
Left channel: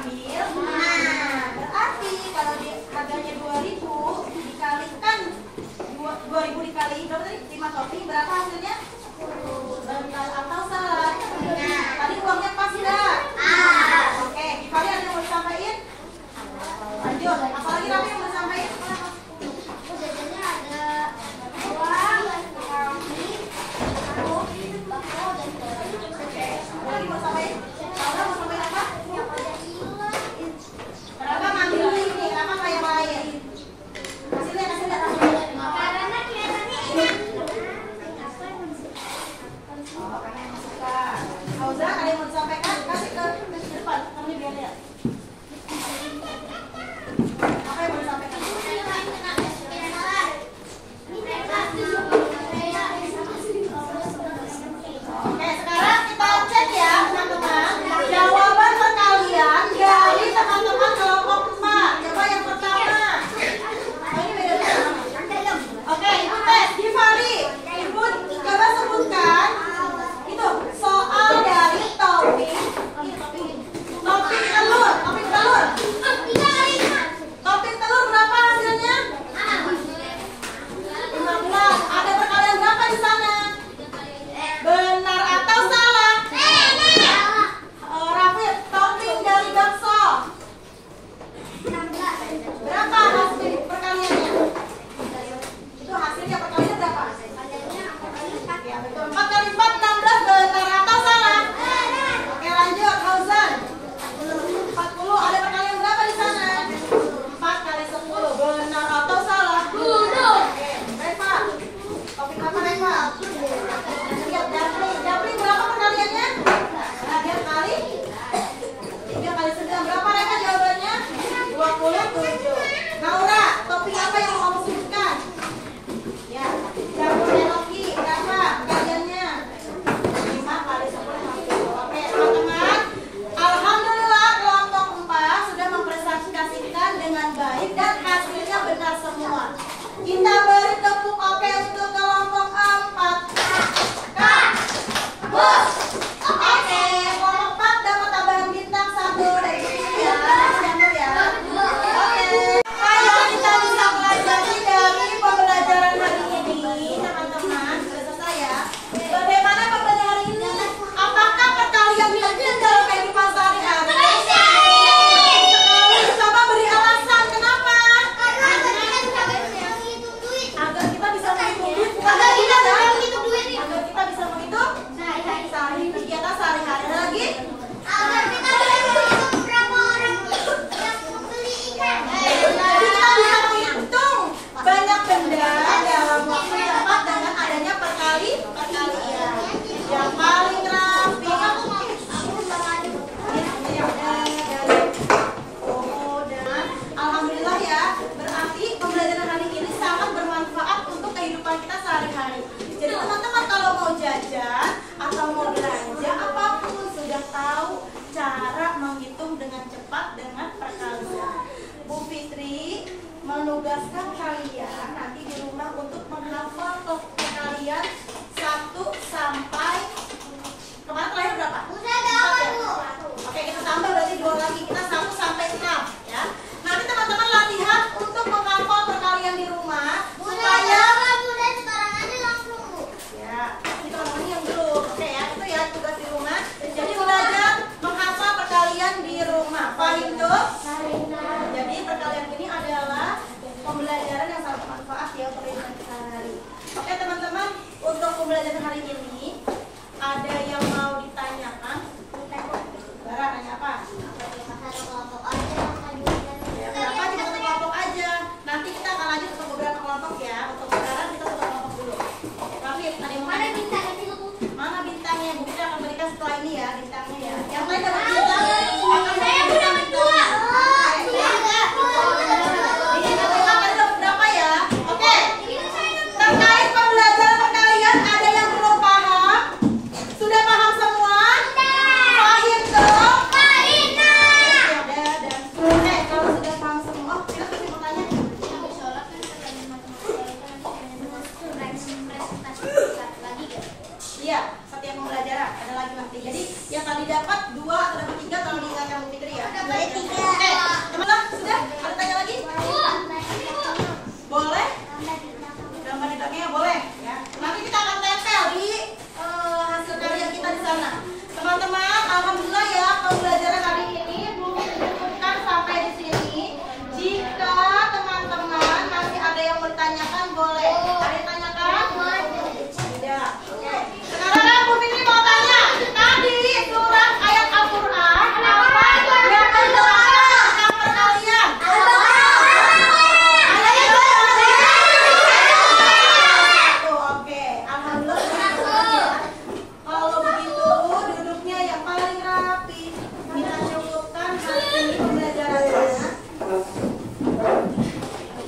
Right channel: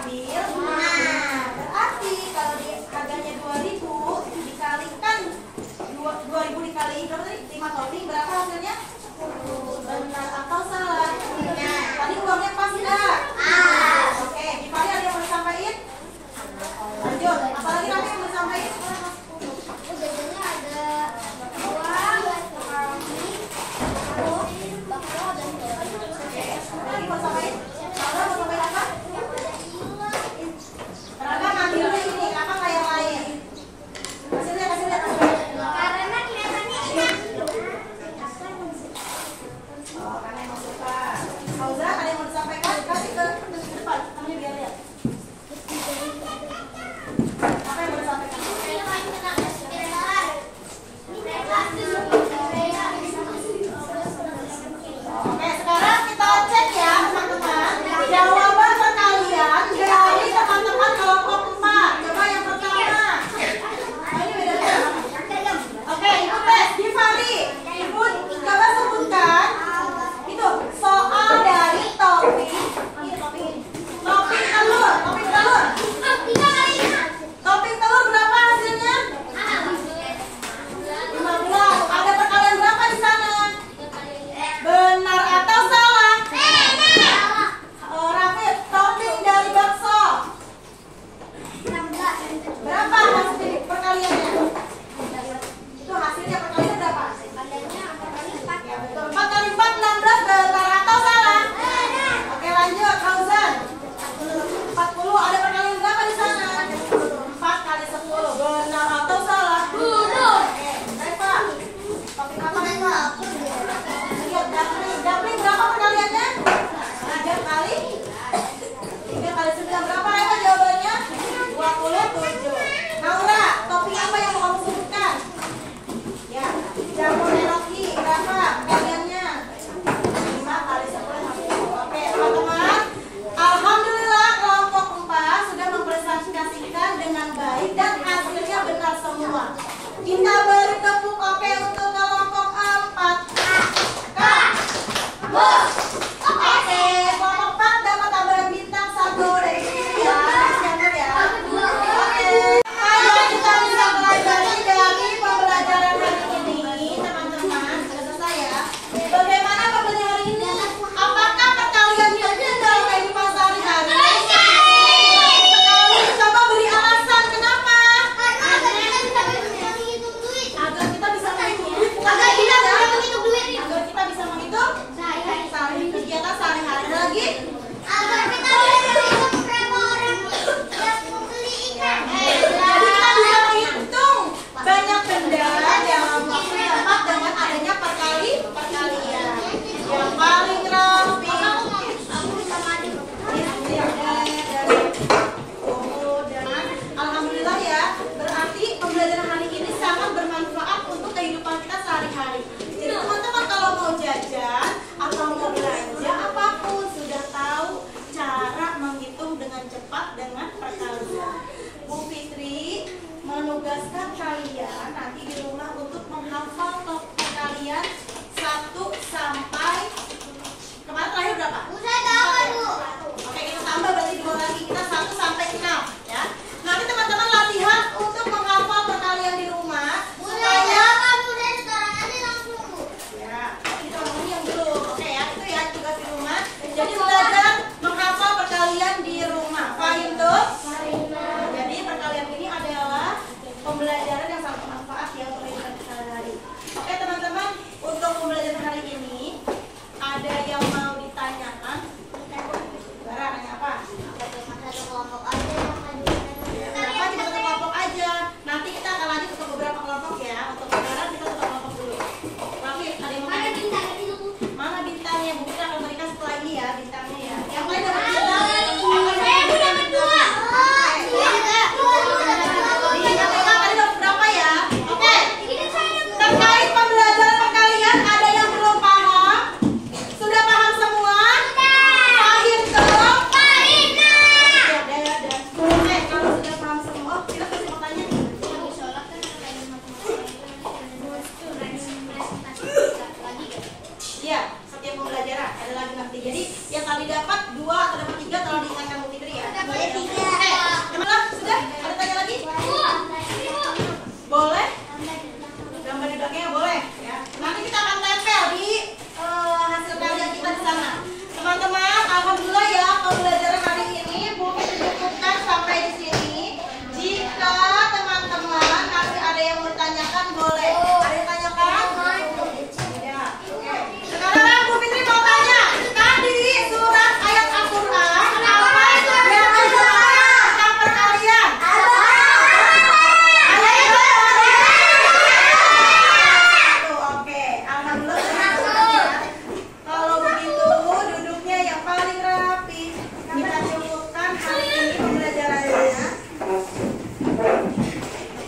ambil 5. Berarti kalau dia harganya 2.000 dikalikan 2.000 dikali berapa tadi? 5 topping berapa hasilnya? Benar atau salah? Tadi uangnya pas tidak? Oke, Gifari ada yang mau disampaikan? Lanjut, apalagi nanti yang mau disampaikan? Jajannya ada uang, makaroni, jeruk, bakso, dan telur. Ada lagi mau disampaikan? Laura mau sampaikan apa? Berapa ngambil ini? Apa kayak lain? Kasih lihat. Karena kelihatannya enak. Oh, karena yang suka. Fauzan, ada yang mau disampaikan? Kasih ke depan, kamu biar lihat. Apa yang mau disampaikan? Oke, sekarang kita cek ya teman-teman. Oke, teman-teman sudah? Ada tanya lagi? Boleh? Gambar di belakangnya boleh ya. Nanti kita akan tempel di hasil karya kita di sana. Teman-teman, alhamdulillah ya pembelajaran hari ini mungkin cukupkan sampai di sini. Jika teman-teman masih ada yang bertanyakan boleh. Ada yang tanyakan? Tidak. Sekarang Bu Fitri mau tanya. Tadi surat ayat Al-Quran apa yang menjelaskan tentang perkalian? Oke, alhamdulillah. Kalau begitu duduknya yang paling rapi. Kita cukupkan hari ini pembelajarannya.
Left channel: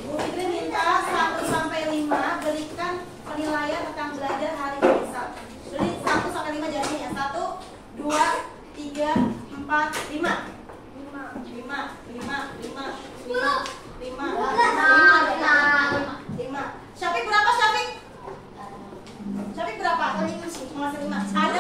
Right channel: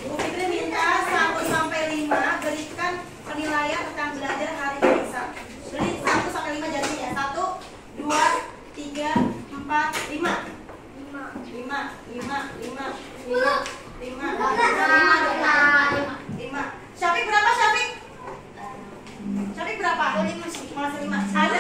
Bu Fitri minta 1 sampai 5 berikan penilaian tentang belajar hari ini. Beri 1 sampai 5 jadinya. 1, 2, 3, 4, 5. 5. Syafiq berapa Syafiq? Syafiq berapa? Masih 5. Ada